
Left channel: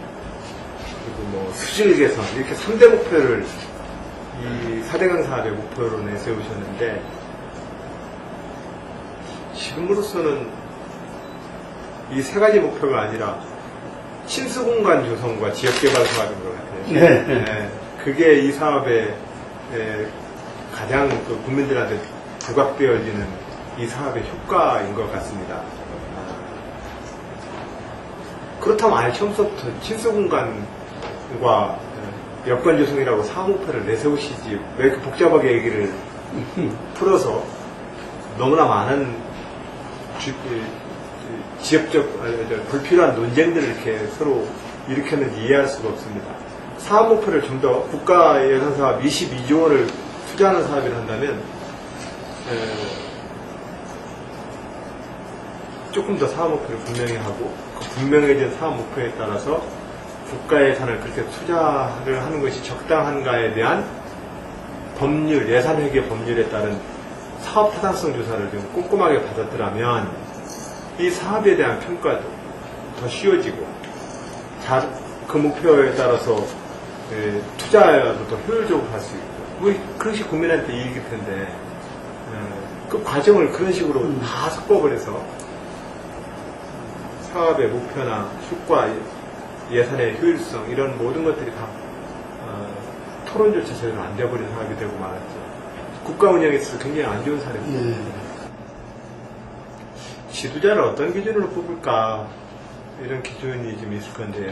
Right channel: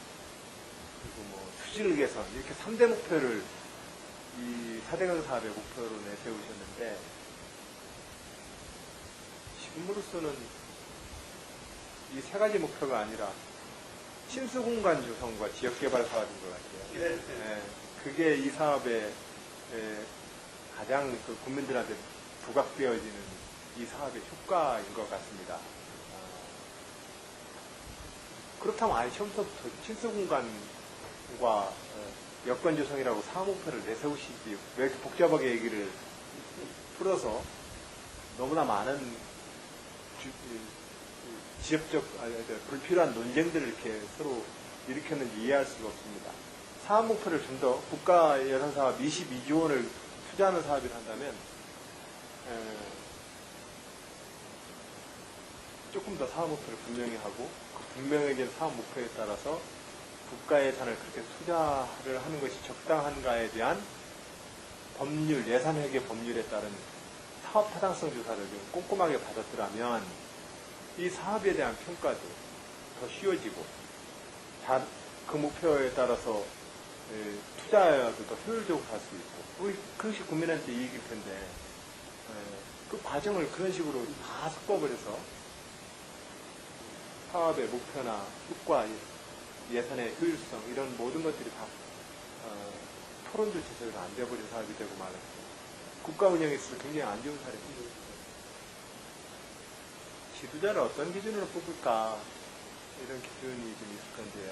그리고 수질 개선 이렇게 3대 목표를 이 4대강 사업의 목표로 내세우셨는데 지금으로서는 이 세 가지 목표가 아니라 침수공간 조성과 지역개발 사업인 것 같아요. 네. 그게 이 사업의 가장 국민들한테 부각되어지는 이 사업의 효과인 것 같습니다. 그렇다면 아예 처음부터 침수공간과 여건 조성이라고 사업 목표를 내세우시지 왜 이렇게 복잡하게 얘기를 풀어서 너무나 많은 지역적 불필요한 논쟁들을 이렇게 서로 일으켰는지 이해할 수가 없습니다. 사업 목표를 좀 더 국가 예산 사업 22조 원을 투자하는 사업을 한다면 조금 더 사업 목표를 분명히 하고 그 분명해진 사업 목표에 따라서 국가 예산을 그렇게 투자를 하는 것이 적당한가에 대한 법률, 예산회계 법률에 따른 사업 타당성 조사를 좀 꼼꼼하게 받았더라면 이 사업에 대한 평가도 더 쉬워지고 그 목표에 따라서 투자도 더 효율적으로 할 수 있고 그것이 국민한테 이익일 텐데 그 과정을 그런 식으로 다 섞어버려서 사업의 목표나 효과, 예산의 효율성 이런 모든 것들이 다 토론조차 제대로 안 돼버린 사업이 되고 말았죠. 국가 운영에 있어서 굉장히 안 좋은 사례입니다. 지도자를 어떤 기준으로 뽑을까 이런 기준이 좀 있을 건데요.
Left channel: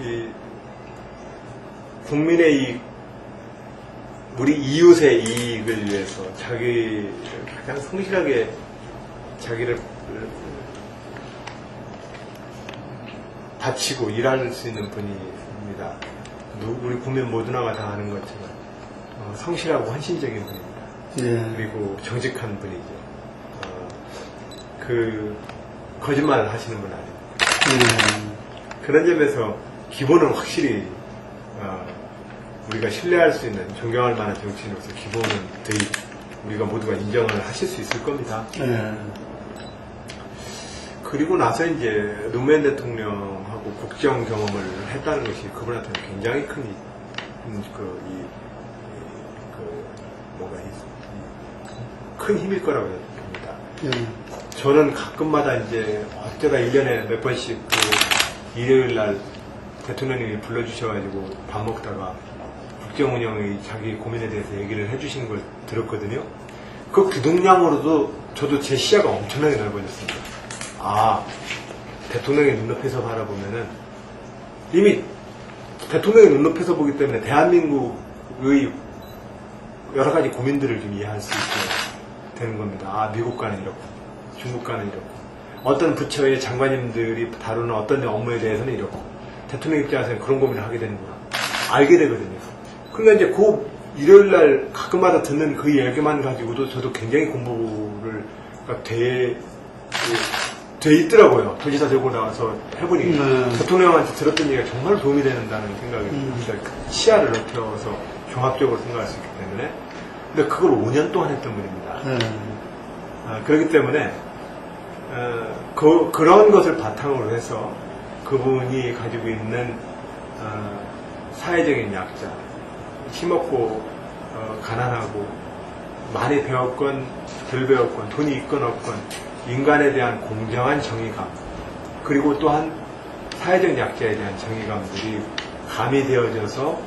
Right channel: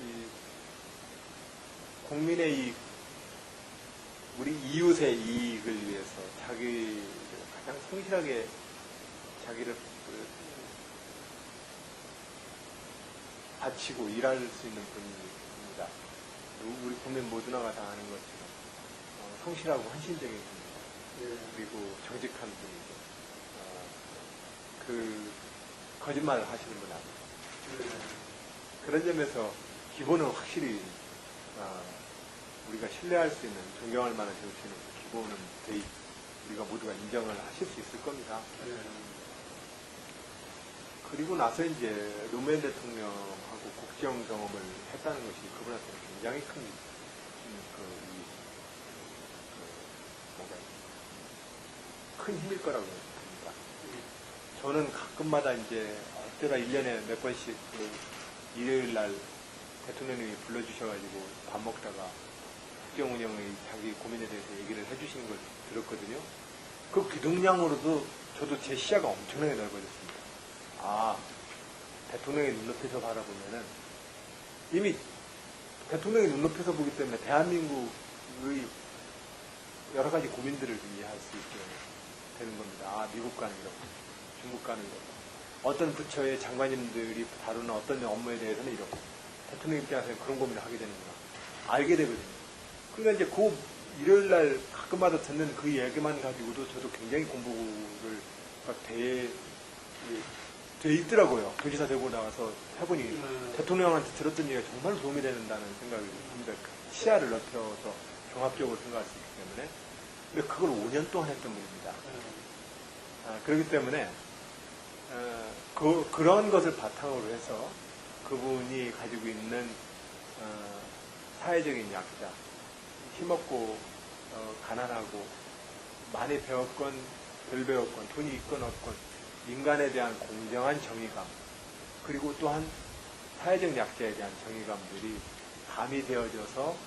이 국민의 이익, 우리 이웃의 이익을 위해서 자기 가장 성실하게 자기를 바치고 일할 수 있는 분입니다. 우리 국민 모두나가 다 아는 것처럼 성실하고 헌신적인 분입니다. 그리고 정직한 분이죠. 그 거짓말을 하시는 분 아니에요. 그런 점에서 기본은 확실히 우리가 신뢰할 수 있는 존경할 만한 정치인으로서 기본은 우리가 모두가 인정을 하실 수 있을 겁니다. 그리고 나서 이제 노무현 대통령하고 국정 경험을 했다는 것이 그분한테는 굉장히 큰 힘일 거라고 봅니다. 저는 가끔마다 이제 어쩌다 1년에 몇 번씩 일요일 날 대통령님이 불러주셔가지고 밥 먹다가 국정 운영의 자기 고민에 대해서 얘기를 해주신 걸 들었거든요. 그 규동량으로도 저도 제 시야가 엄청나게 넓어졌습니다. 대통령의 눈높이에서 바라보면은 이미 대통령의 눈높이에서 보기 때문에 대한민국의 여러 가지 고민들을 좀 이해할 수 있게 되는 겁니다. 미국과는 이렇고, 중국과는 이렇고, 어떤 부처의 장관님들이 다루는 어떤 업무에 대해서는 이렇고, 대통령 입장에서는 그런 고민을 하게 되는구나. 알게 되거든요. 그러니까 이제 그 일요일날 가끔마다 듣는 그 얘기만 가지고도 저도 굉장히 공부를 돼 있더라고요. 도지사 되고 나와서 해보니 대통령한테 들었던 얘기가 정말 도움이 된다는 생각이 듭니다. 시야를 넓혀서 종합적으로 생각할 수 있기 때문에. 근데 그걸 5년 동안 했던 분입니다. 그렇기 때문에 그런 것을 바탕으로 해서 그분이 가지고 있는 사회적인 약자, 힘없고 가난하고 많이 배웠건 덜 배웠건 돈이 있건 없건 인간에 대한 공정한 정의감, 그리고 또한 사회적 약자에 대한 정의감들이 가미되어져서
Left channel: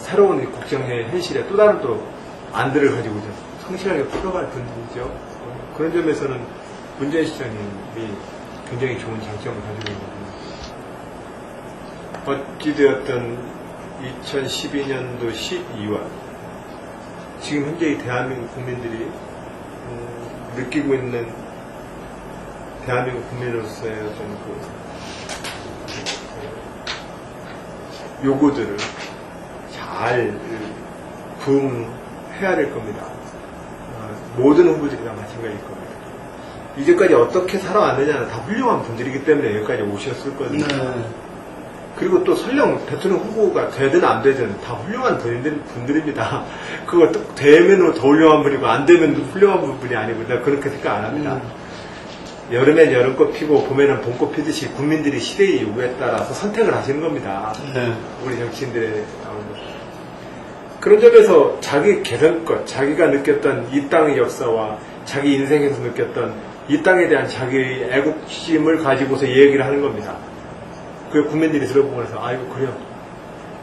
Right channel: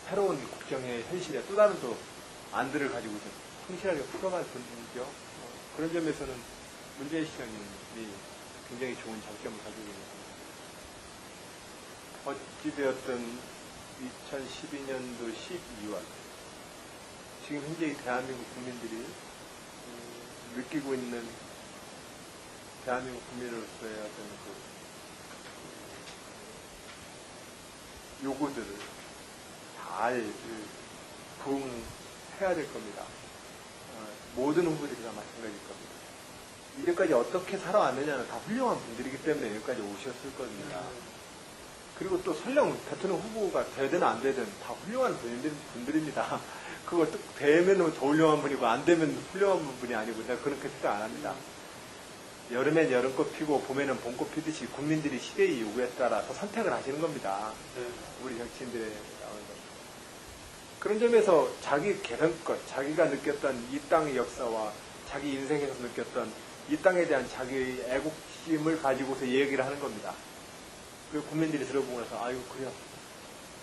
새로운 국정의 현실에 또 다른 또 안들을 가지고 성실하게 풀어갈 분이죠. 그런 점에서는 문재인 시장님이 굉장히 좋은 장점을 가지고 있거든요. 어찌되었든 2012년도 12월 지금 현재 이 대한민국 국민들이 느끼고 있는 대한민국 국민으로서의 어떤 요구들을 잘 부응해야 될 겁니다. 모든 후보들이 다 마찬가지일 겁니다. 이제까지 어떻게 살아왔느냐는 다 훌륭한 분들이기 때문에 여기까지 오셨을 거거든요. 그리고 또 설령 대통령 후보가 되든 안 되든 다 훌륭한 분들입니다. 그거 되면 더 훌륭한 분이고 안 되면 훌륭한 분이 아니고 내가 그렇게 생각 안 합니다. 여름엔 여름꽃 피고 봄에는 봄꽃 피듯이 국민들이 시대의 요구에 따라서 선택을 하시는 겁니다. 우리 정치인들의 그런 점에서 자기 개선껏 자기가 느꼈던 이 땅의 역사와 자기 인생에서 느꼈던 이 땅에 대한 자기의 애국심을 가지고서 얘기를 하는 겁니다. 그 국민들이 들어보고 나서 아이고 그래요.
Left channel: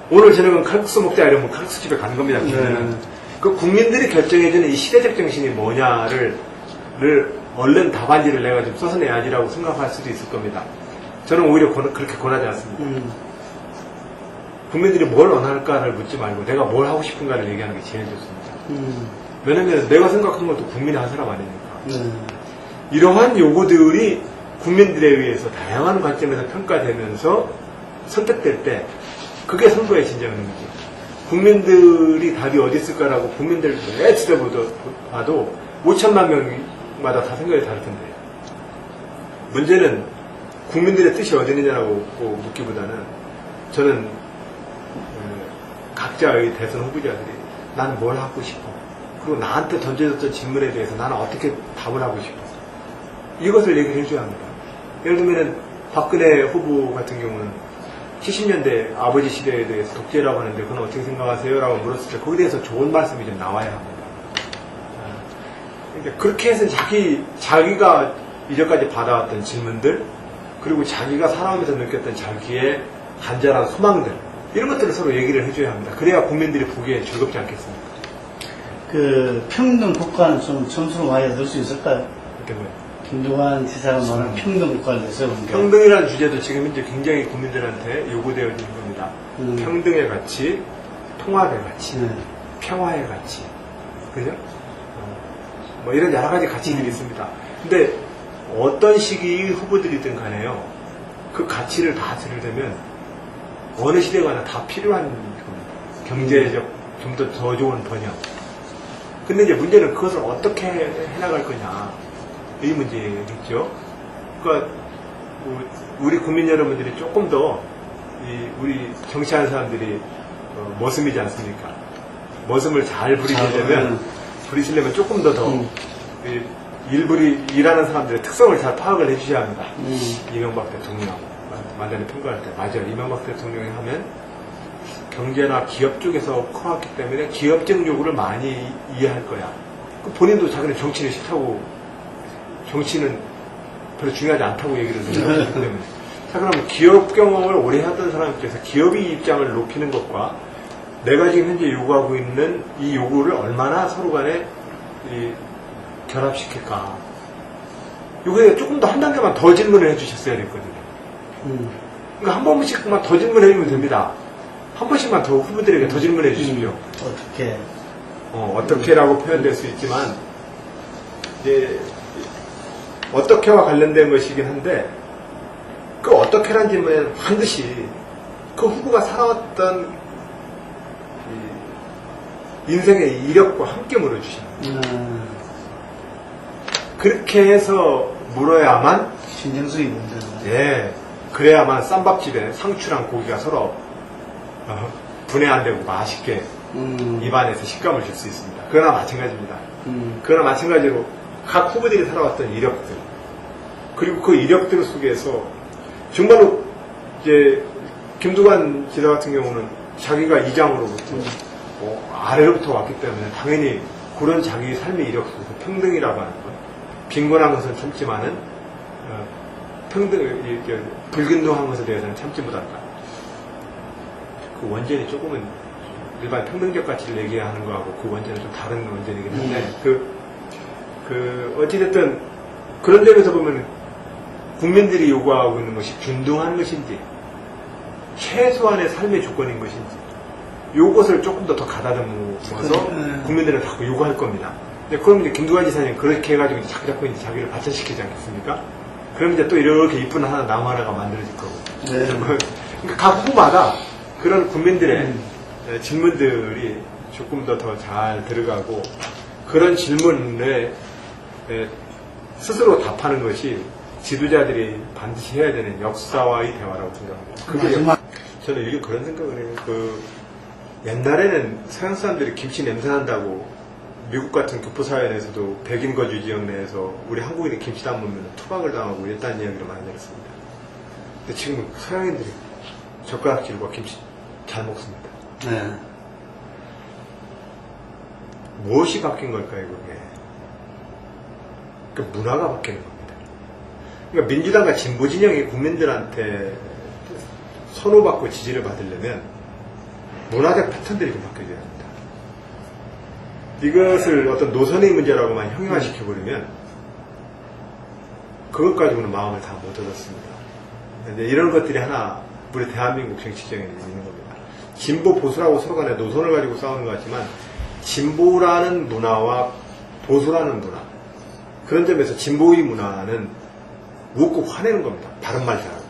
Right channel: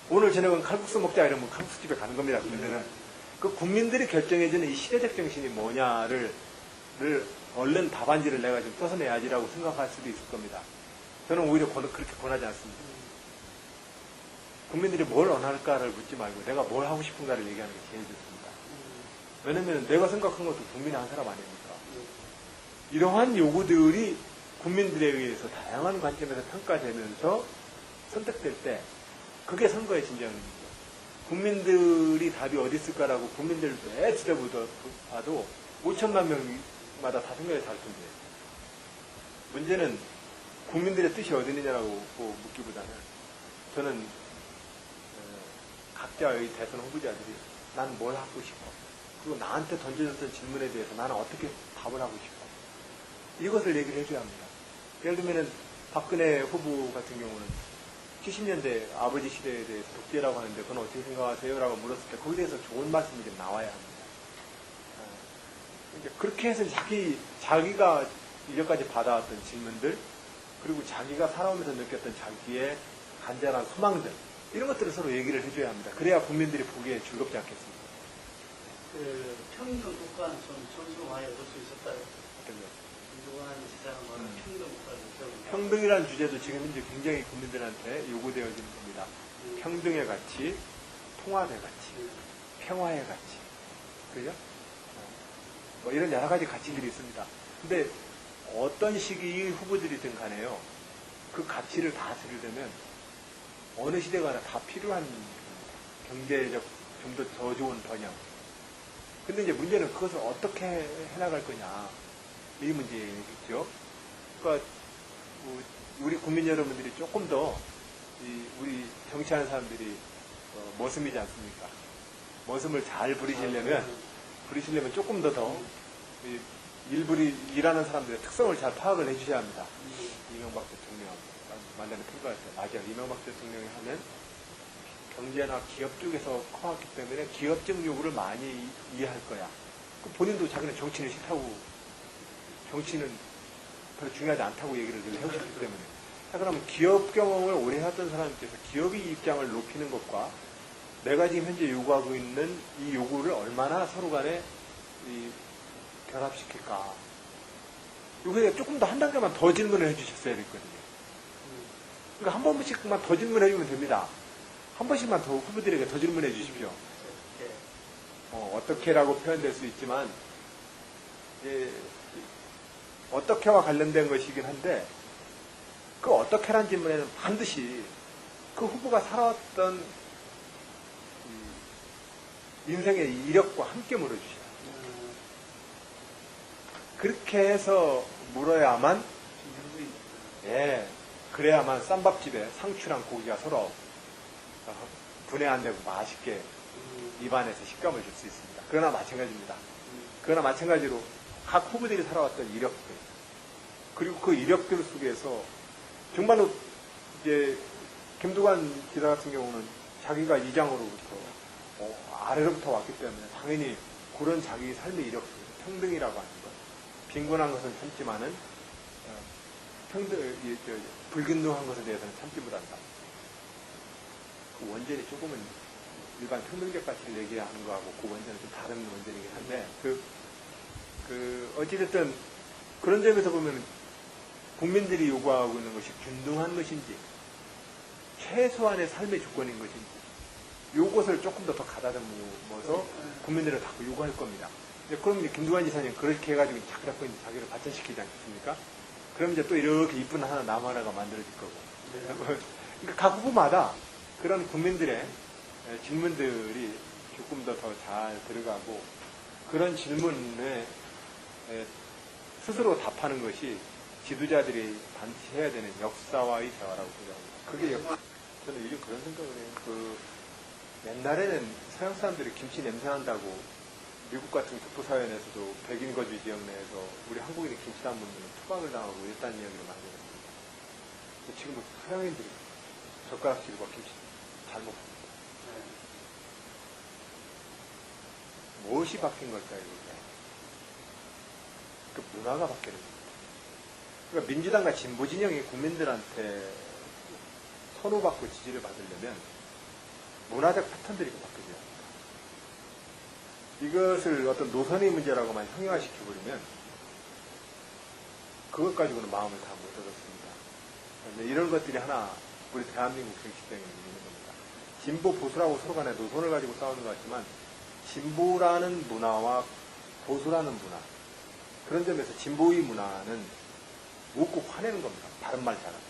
오늘 저녁은 칼국수 먹자 이러면 칼국수 집에 가는 겁니다. 그 국민들이 결정해주는 이 시대적 정신이 뭐냐를 얼른 답안지를 내가 좀 써서 내야지라고 생각할 수도 있을 겁니다. 저는 오히려 그렇게 권하지 않습니다. 국민들이 뭘 원할까를 묻지 말고 내가 뭘 하고 싶은가를 얘기하는 게 제일 좋습니다. 왜냐면 내가 생각한 것도 국민이 한 사람 아니니까. 이러한 요구들이 국민들에 의해서 다양한 관점에서 평가되면서 선택될 때 그게 선거의 진정 의미죠. 국민들이 답이 어디 있을까라고 국민들 왜 지켜봐도 5천만 명마다 다 생각이 다를 텐데 문제는 국민들의 뜻이 어디 있느냐라고 묻기보다는 저는 각자의 대선 후보자들이 나는 뭘 하고 싶어. 그리고 나한테 던져졌던 질문에 대해서 나는 어떻게 답을 하고 싶어. 이것을 얘기를 해줘야 합니다. 예를 들면 박근혜 후보 같은 경우는 70년대 아버지 시대에 대해서 독재라고 하는데 그건 어떻게 생각하세요? 라고 물었을 때 거기에 대해서 좋은 말씀이 좀 나와야 합니다. 그러니까 그렇게 해서 자기가 이제까지 받아왔던 질문들 그리고 자기가 살아오면서 느꼈던 자기의 간절한 소망들 이런 것들을 서로 얘기를 해줘야 합니다. 그래야 국민들이 보기에 즐겁지 않겠습니까? 그 평등 국가는 좀 점수를 많이 얻을 수 있을까요? 그게 뭐예요? 김두관 지사가 말하는 평등 국가를 내세우는 평등이라는 주제도 지금 현재 굉장히 국민들한테 요구되어지는 겁니다. 평등의 가치, 통합의 가치, 네. 평화의 가치, 그죠? 뭐 이런 여러 가지 가치들이 있습니다. 근데 어떤 시기의 후보들이든 간에요, 그 가치를 다 들으려면 어느 시대가나 다 필요한 겁니다. 경제적 좀 더 좋은 번영. 근데 이제 문제는 그것을 어떻게 해나갈 거냐. 이 문제겠죠. 그러니까 우리 국민 여러분들이 조금 더 우리 정치하는 사람들이 머슴이지 않습니까? 머슴을 잘 부리시려면 조금 더 일하는 사람들의 특성을 잘 파악을 해주셔야 합니다. 이명박 대통령 만전에 통과할 때 맞아요. 이명박 대통령이 하면 경제나 기업 쪽에서 커왔기 때문에 기업적 요구를 많이 이해할 거야. 본인도 자기는 정치는 싫다고 정치는 별로 중요하지 않다고 얘기를 하기 때문에. 자, 그러면 기업 경험을 오래 하던 사람 입장에서 기업의 입장을 높이는 것과 내가 지금 현재 요구하고 있는 이 요구를 얼마나 서로 간에 결합시킬까. 요거에 조금 더 한 단계만 더 질문을 해주셨어야 됐거든요. 그러니까 한 번씩만 더 질문해주면 됩니다. 한 번씩만 더 후보들에게 더 질문해 주십시오. 어떻게? 어떻게라고 표현될 수 있지만, 이제, 어떻게와 관련된 것이긴 한데, 그 어떻게라는 질문에는 반드시 그 후보가 살아왔던 인생의 이력과 함께 물어주십니다. 그렇게 해서 물어야만, 신정수이 문제는. 예, 그래야만 쌈밥집에 상추랑 고기가 서로 분해 안 되고 맛있게 입안에서 식감을 줄 수 있습니다. 그러나 마찬가지입니다. 그러나 마찬가지로 각 후보들이 살아왔던 이력들 그리고 그 이력들 속에서 정말로 이제 김두관 지사 같은 경우는 자기가 이장으로부터 아래로부터 왔기 때문에 당연히 그런 자기 삶의 이력 속에서 평등이라고 하는 것 빈곤한 것은 참지만은 불균등한 것에 대해서는 참지 못한다. 그 원전이 조금은 일반 평등적 가치를 얘기하는 거하고 그 원전은 좀 다른 원전이긴 한데 어찌됐든 그런 점에서 보면 국민들이 요구하고 있는 것이 균등한 것인지 최소한의 삶의 조건인 것인지 요것을 조금 더 가다듬어서 국민들은 자꾸 요구할 겁니다. 그럼 이제 김두관 지사님 그렇게 해가지고 이제 자꾸 이제 자기를 발전시키지 않겠습니까? 그럼 이제 또 이렇게 이쁜 나무 하나가 만들어질 거고. 네. 그러니까 각 후보마다 그런 국민들의 질문들이 조금 더 잘 들어가고 그런 질문에 스스로 답하는 것이 지도자들이 반드시 해야 되는 역사와의 대화라고 생각합니다. 저는 이게 그런 생각을 해요. 옛날에는 서양 사람들이 김치 냄새 난다고 미국 같은 교포사회 내에서도 백인 거주 지역 내에서 우리 한국인이 김치 담으면 투박을 당하고 이랬다는 이야기를 많이 들었습니다. 근데 지금 서양인들이 젓가락질과 김치 잘 먹습니다. 네. 무엇이 바뀐 걸까요, 그게? 그 문화가 바뀌는 겁니다. 그러니까 민주당과 진보 진영이 국민들한테 선호받고 지지를 받으려면 문화적 패턴들이 좀 바뀌어야 합니다. 이것을 어떤 노선의 문제라고만 형용화시켜버리면 그것 가지고는 마음을 다 못 얻었습니다. 이제 이런 것들이 하나 우리 대한민국 정치적인 있는 겁니다. 진보 보수라고 서로 간에 노선을 가지고 싸우는 것 같지만 진보라는 문화와 보수라는 문화 그런 점에서 진보의 문화는 묻고 화내는 겁니다. 바른 말 잘하고.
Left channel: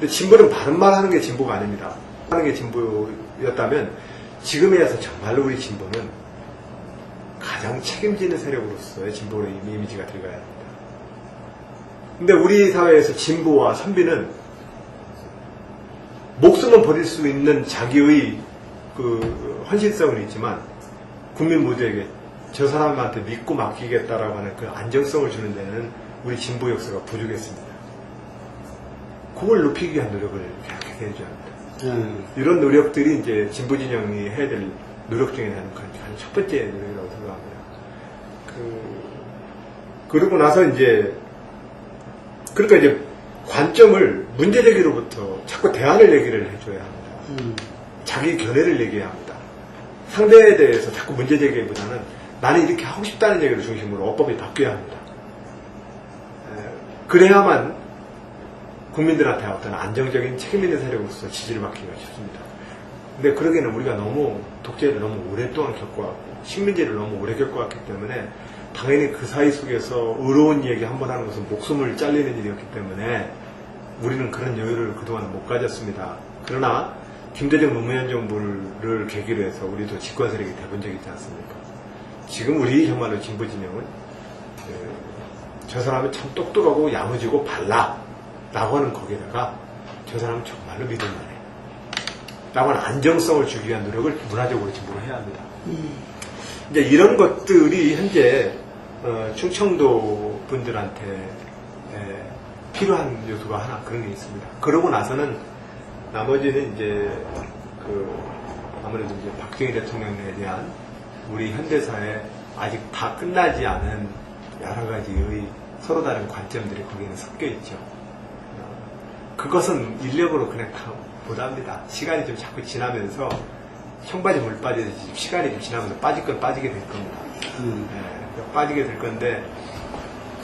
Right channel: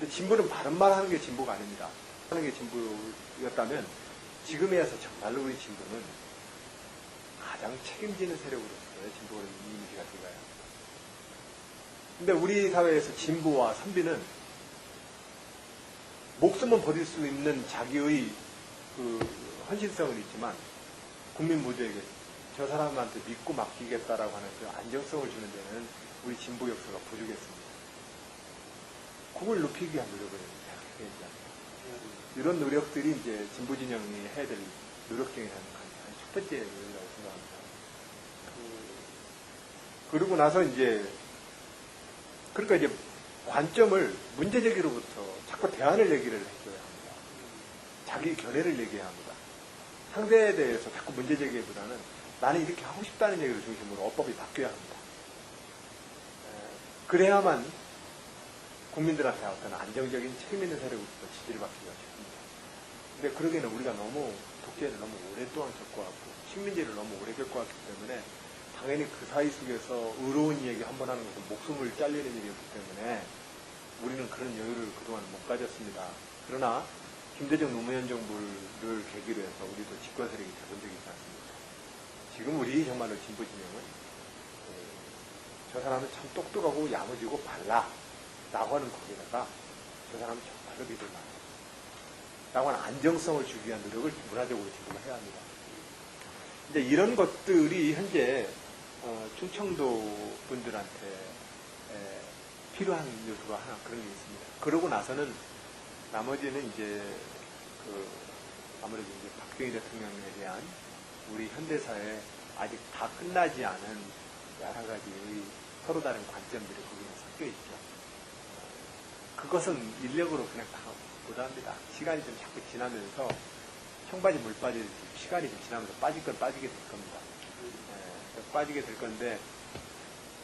근데 진보는 바른 말 하는 게 진보가 아닙니다. 하는 게 진보였다면 지금에서 정말로 우리 진보는 가장 책임지는 세력으로서의 진보의 이미지가 들어가야 합니다. 근데 우리 사회에서 진보와 선비는 목숨을 버릴 수 있는 자기의 그 헌신성은 있지만 국민 모두에게 저 사람한테 믿고 맡기겠다라고 하는 그 안정성을 주는 데는 우리 진보 역사가 부족했습니다. 그걸 높이기 위한 노력을 계속해야 되는 줄 압니다. 이런 노력들이 이제 진보 진영이 해야 될 노력 중에 하는 첫 번째 노력이라고 생각합니다. 그러고 나서 이제 그러니까 이제 관점을 문제 제기로부터 자꾸 대안을 얘기를 해줘야 합니다. 자기 견해를 얘기해야 합니다. 상대에 대해서 자꾸 문제 제기보다는 나는 이렇게 하고 싶다는 얘기를 중심으로 어법이 바뀌어야 합니다. 그래야만 국민들한테 어떤 안정적인 책임 있는 세력으로서 지지를 받기가 쉽습니다. 근데 그러기에는 우리가 너무 독재를 너무 오랫동안 겪어왔고 식민지를 너무 오래 겪어왔기 때문에 당연히 그 사이 속에서 의로운 얘기 한 번 하는 것은 목숨을 잘리는 일이었기 때문에 우리는 그런 여유를 그동안 못 가졌습니다. 그러나 김대중 노무현 정부를 계기로 해서 우리도 집권 세력이 돼본 적이 있지 않습니까? 지금 우리 정말로 진보 진영은 저 사람은 참 똑똑하고 야무지고 발라 라고 하는 거기에다가 저 사람은 정말로 믿을만해 라고 하는 안정성을 주기 위한 노력을 문화적으로 진보를 해야 합니다. 이제 이런 것들이 현재 충청도 분들한테 필요한 요소가 하나 그런 게 있습니다. 그러고 나서는 나머지는 이제 아무래도 이제 박정희 대통령에 대한 우리 현대사에 아직 다 끝나지 않은 여러 가지의 서로 다른 관점들이 거기는 섞여 있죠. 그것은 인력으로 그냥 다 못합니다. 시간이 좀 자꾸 지나면서 청바지 물 빠지듯이 시간이 좀 지나면서 빠질 건 빠지게 될 겁니다. 빠지게 될 건데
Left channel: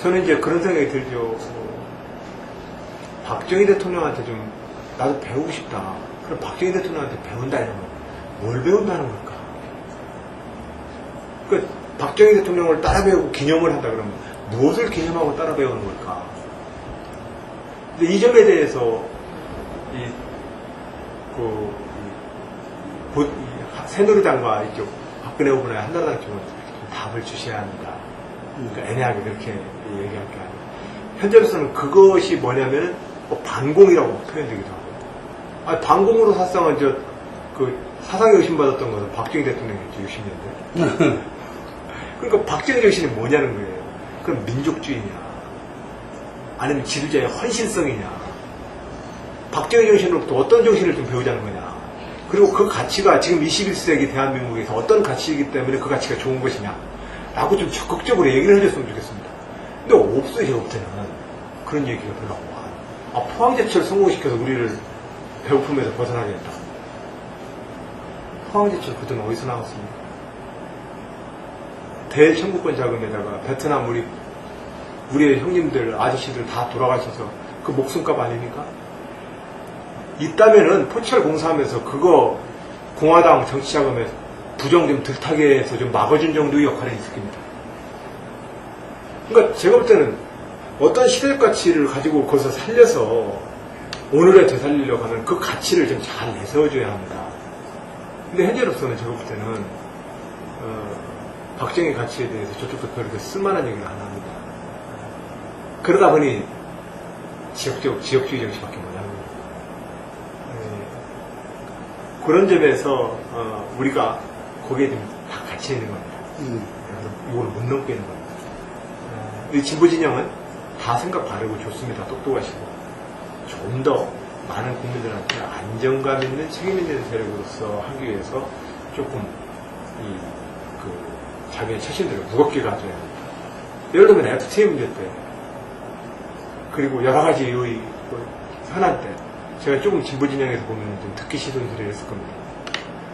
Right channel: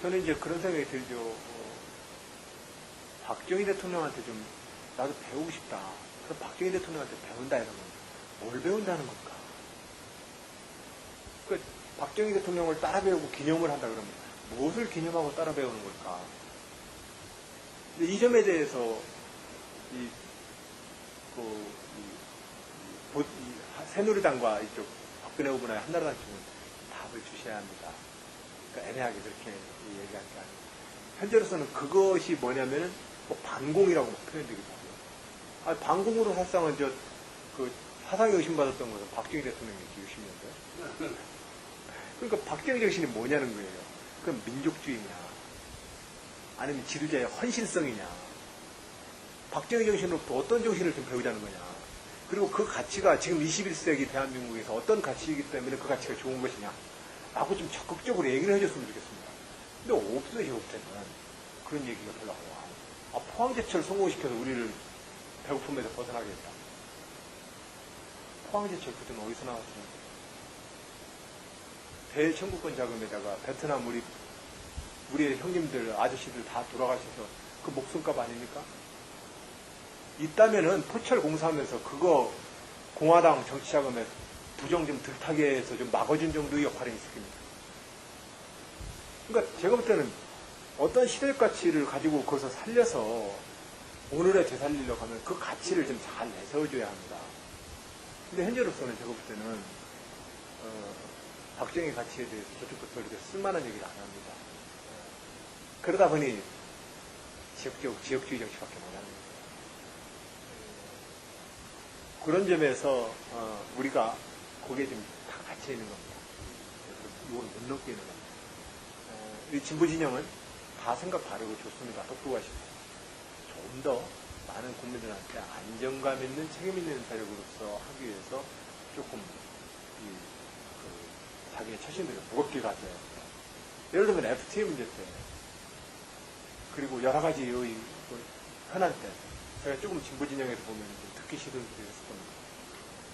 저는 이제 그런 생각이 들죠. 박정희 대통령한테 좀 나도 배우고 싶다. 그럼 박정희 대통령한테 배운다 이러면 뭘 배운다는 걸까? 그 박정희 대통령을 따라 배우고 기념을 한다 그러면 무엇을 기념하고 따라 배우는 걸까? 근데 이 점에 대해서 새누리당과 이쪽 박근혜 후보나 한나라당 쪽은 답을 주셔야 합니다. 그러니까 애매하게 그렇게 얘기할 게 아니에요. 현재로서는 그것이 뭐냐면 반공이라고 표현되기도 하고. 반공으로 사실상은 사상에 의심받았던 것은 박정희 대통령이었죠, 60년대. 그러니까 박정희 정신이 뭐냐는 거예요. 그럼 민족주의냐? 아니면 지도자의 헌신성이냐? 박정희 정신으로부터 어떤 정신을 좀 배우자는 거냐? 그리고 그 가치가 지금 21세기 대한민국에서 어떤 가치이기 때문에 그 가치가 좋은 것이냐? 라고 좀 적극적으로 얘기를 해줬으면 좋겠습니다. 근데 없어요, 제가부터는. 그런 얘기가 별로 안 와. 포항제철 성공시켜서 우리를 배고픔에서 벗어나게 했다. 포항제철 그 돈 어디서 나왔습니까? 대청구권 자금에다가 베트남 우리의 형님들, 아저씨들 다 돌아가셔서 그 목숨값 아닙니까? 있다면은 포철 공사하면서 그거 공화당 정치자금에 부정 좀 덜타게 해서 좀 막아준 정도의 역할이 있을 겁니다. 그러니까 제가 볼 때는 어떤 시대적 가치를 가지고 거기서 살려서 오늘에 되살리려고 하는 그 가치를 좀 잘 내세워줘야 합니다. 근데 현재로서는 제가 볼 때는 박정희 가치에 대해서 저쪽도 그렇게 쓸만한 얘기를 안 합니다. 그러다 보니 지역주의 정치밖에 못합니다. 그런 점에서 우리가 거기에 좀 다 갇혀 있는 겁니다. 이걸 못 넘게 있는 겁니다. 이 진보 진영은 다 생각 바르고 좋습니다. 똑똑하시고 좀 더 많은 국민들한테 안정감 있는 책임 있는 세력으로서 하기 위해서 조금 자기의 처신들을 무겁게 가져야 합니다. 예를 들면 FTA 문제 때 그리고 여러 가지 이 현안 때 제가 조금 진보 진영에서 보면 좀 듣기 싫은 소리를 했을 겁니다.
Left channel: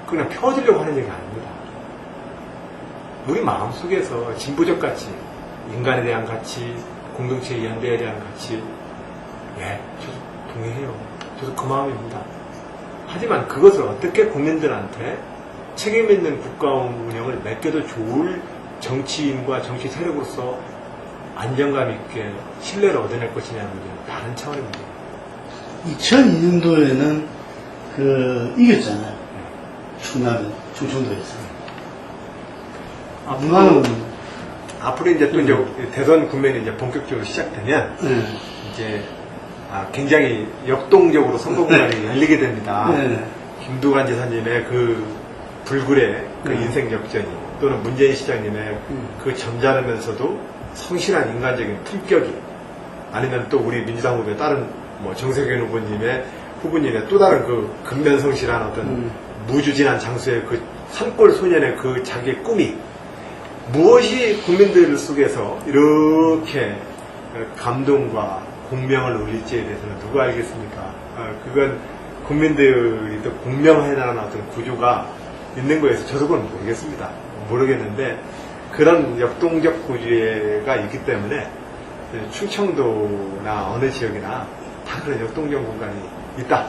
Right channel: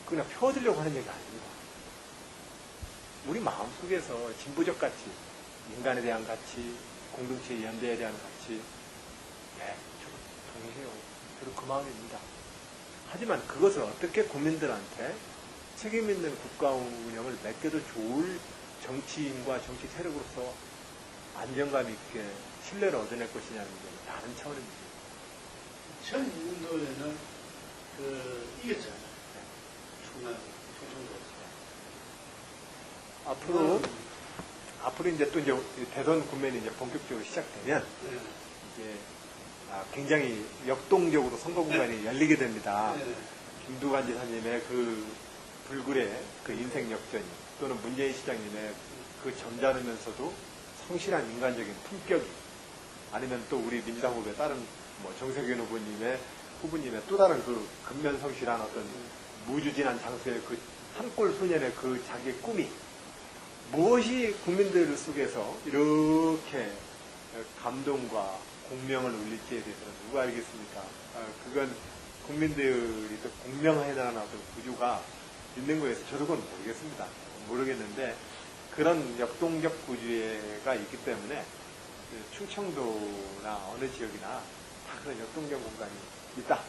그냥 펴주려고 하는 얘기가 아닙니다. 우리 마음속에서 진보적 가치, 인간에 대한 가치, 공동체의 연대에 대한 가치, 저도 동의해요. 저도 그 마음입니다. 하지만 그것을 어떻게 국민들한테 책임 있는 국가 운영을 맡겨도 좋을 정치인과 정치 세력으로서 안정감 있게 신뢰를 얻어낼 것이냐는 게 다른 차원입니다. 2002년도에는 이겼잖아요. 충청도에서. 누가는 앞으로 이제 또 이제 대선 국면이 이제 본격적으로 시작되면 네. 이제 굉장히 역동적으로 선거 공간이 열리게 됩니다. 네. 김두관 지사님의 그 불굴의 그 인생 역전이 또는 문재인 시장님의 그 점잖으면서도 성실한 인간적인 품격이 아니면 또 우리 민주당 후보의 다른 뭐 정세균 후보님의 또 다른 그 근면성실한 어떤 무주진한 장수의 그 산골 소년의 그 자기의 꿈이 무엇이 국민들 속에서 이렇게 감동과 공명을 울릴지에 대해서는 누가 알겠습니까? 그건 국민들이 또 공명해나가는 어떤 구조가 있는 거에서 저도 그건 모르겠습니다. 모르겠는데 그런 역동적 구조가 있기 때문에 충청도나 어느 지역이나 다 그런 역동적 공간이 있다.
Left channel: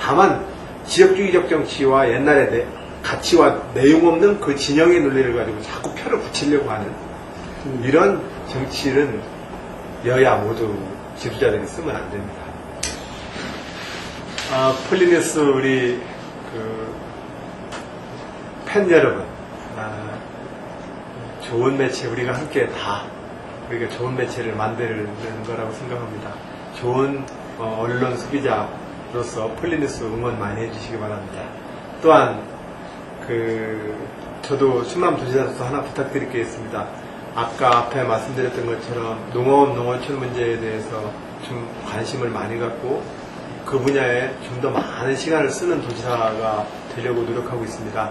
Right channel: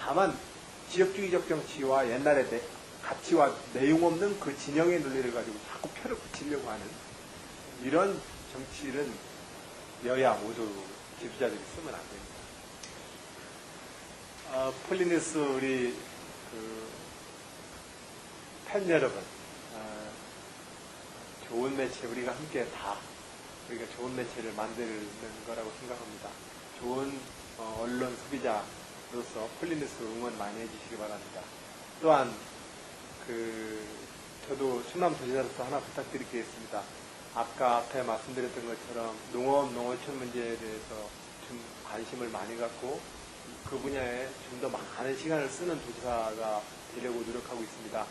다만 지역주의적 정치와 옛날의 가치와 내용 없는 그 진영의 논리를 가지고 자꾸 표를 붙이려고 하는 이런 정치는 여야 모두 지도자들이 쓰면 안 됩니다. 폴리뉴스 우리 팬 여러분, 좋은 매체 우리가 함께 우리가 좋은 매체를 만드는 거라고 생각합니다. 좋은 언론 소비자로서 폴리뉴스 응원 많이 해주시기 바랍니다. 또한 저도 충남도지사로서 하나 부탁드릴 게 있습니다. 아까 앞에 말씀드렸던 것처럼 농업, 농어촌 문제에 대해서 좀 관심을 많이 갖고 그 분야에 좀 더 많은 시간을 쓰는 도지사가 되려고 노력하고 있습니다.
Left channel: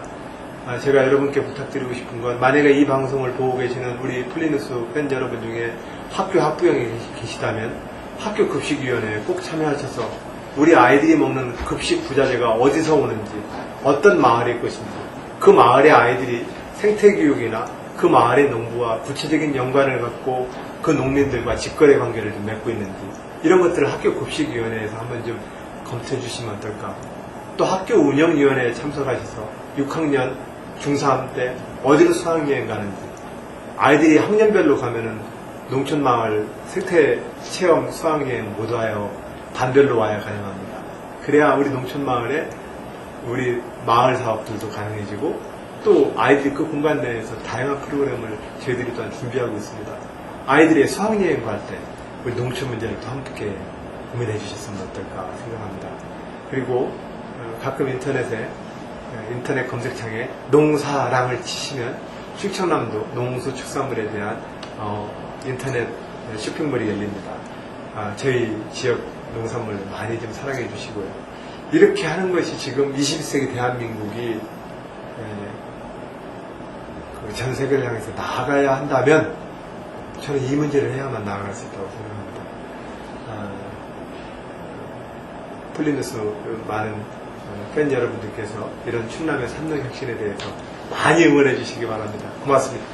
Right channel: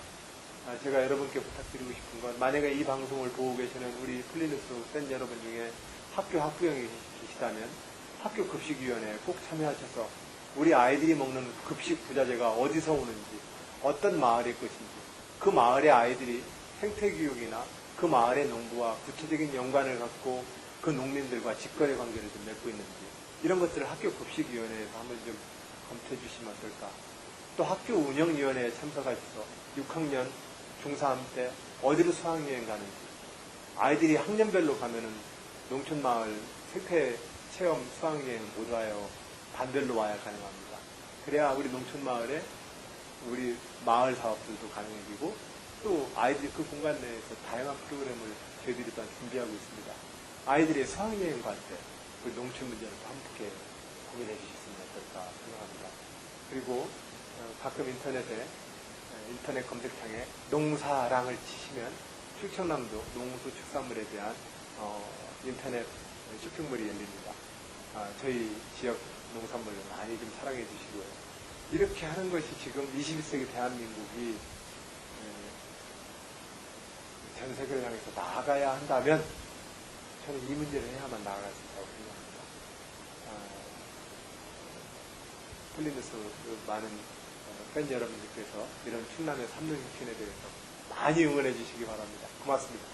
제가 여러분께 부탁드리고 싶은 건 만약에 이 방송을 보고 계시는 우리 폴리뉴스 팬 여러분 중에 학교 학부형이 계시다면 학교 급식위원회에 꼭 참여하셔서 우리 아이들이 먹는 급식 부자재가 어디서 오는지 어떤 마을일 것인지 그 마을의 아이들이 생태교육이나 그 마을의 농부와 구체적인 연관을 갖고 그 농민들과 직거래 관계를 좀 맺고 있는지 이런 것들을 학교 급식위원회에서 한번 좀 검토해 주시면 어떨까. 또 학교 운영위원회에 참석하셔서 6학년, 중3 때 어디로 수학여행 가는지 아이들이 학년별로 가면은 농촌마을 생태체험 수학여행 못 와요. 반별로 와야 가능합니다. 그래야 우리 농촌마을에 우리 마을 사업들도 가능해지고 또 아이들이 그 공간 내에서 다양한 프로그램을 저희들이 또한 준비하고 있습니다. 아이들의 수학여행 갈 때 우리 농촌 문제를 또 함께 고민해 주셨으면 어떨까 생각합니다. 그리고 가끔 인터넷 검색창에 농사랑을 치시면 충청남도 농수축산물에 대한 인터넷 쇼핑몰이 열립니다. 저희 지역 농산물 많이 좀 사랑해 주시고요. 이렇게 하는 것이 지금 21세기 대한민국이 전 세계를 향해서 나아가야 한다면 저는 이 문제를 해야만 나아갈 수 있다고 생각합니다. 폴리뉴스 많은 팬 여러분들께서 이런 충남의 3년 혁신에 대해서 많이 응원해 주시기 바랍니다. 고맙습니다.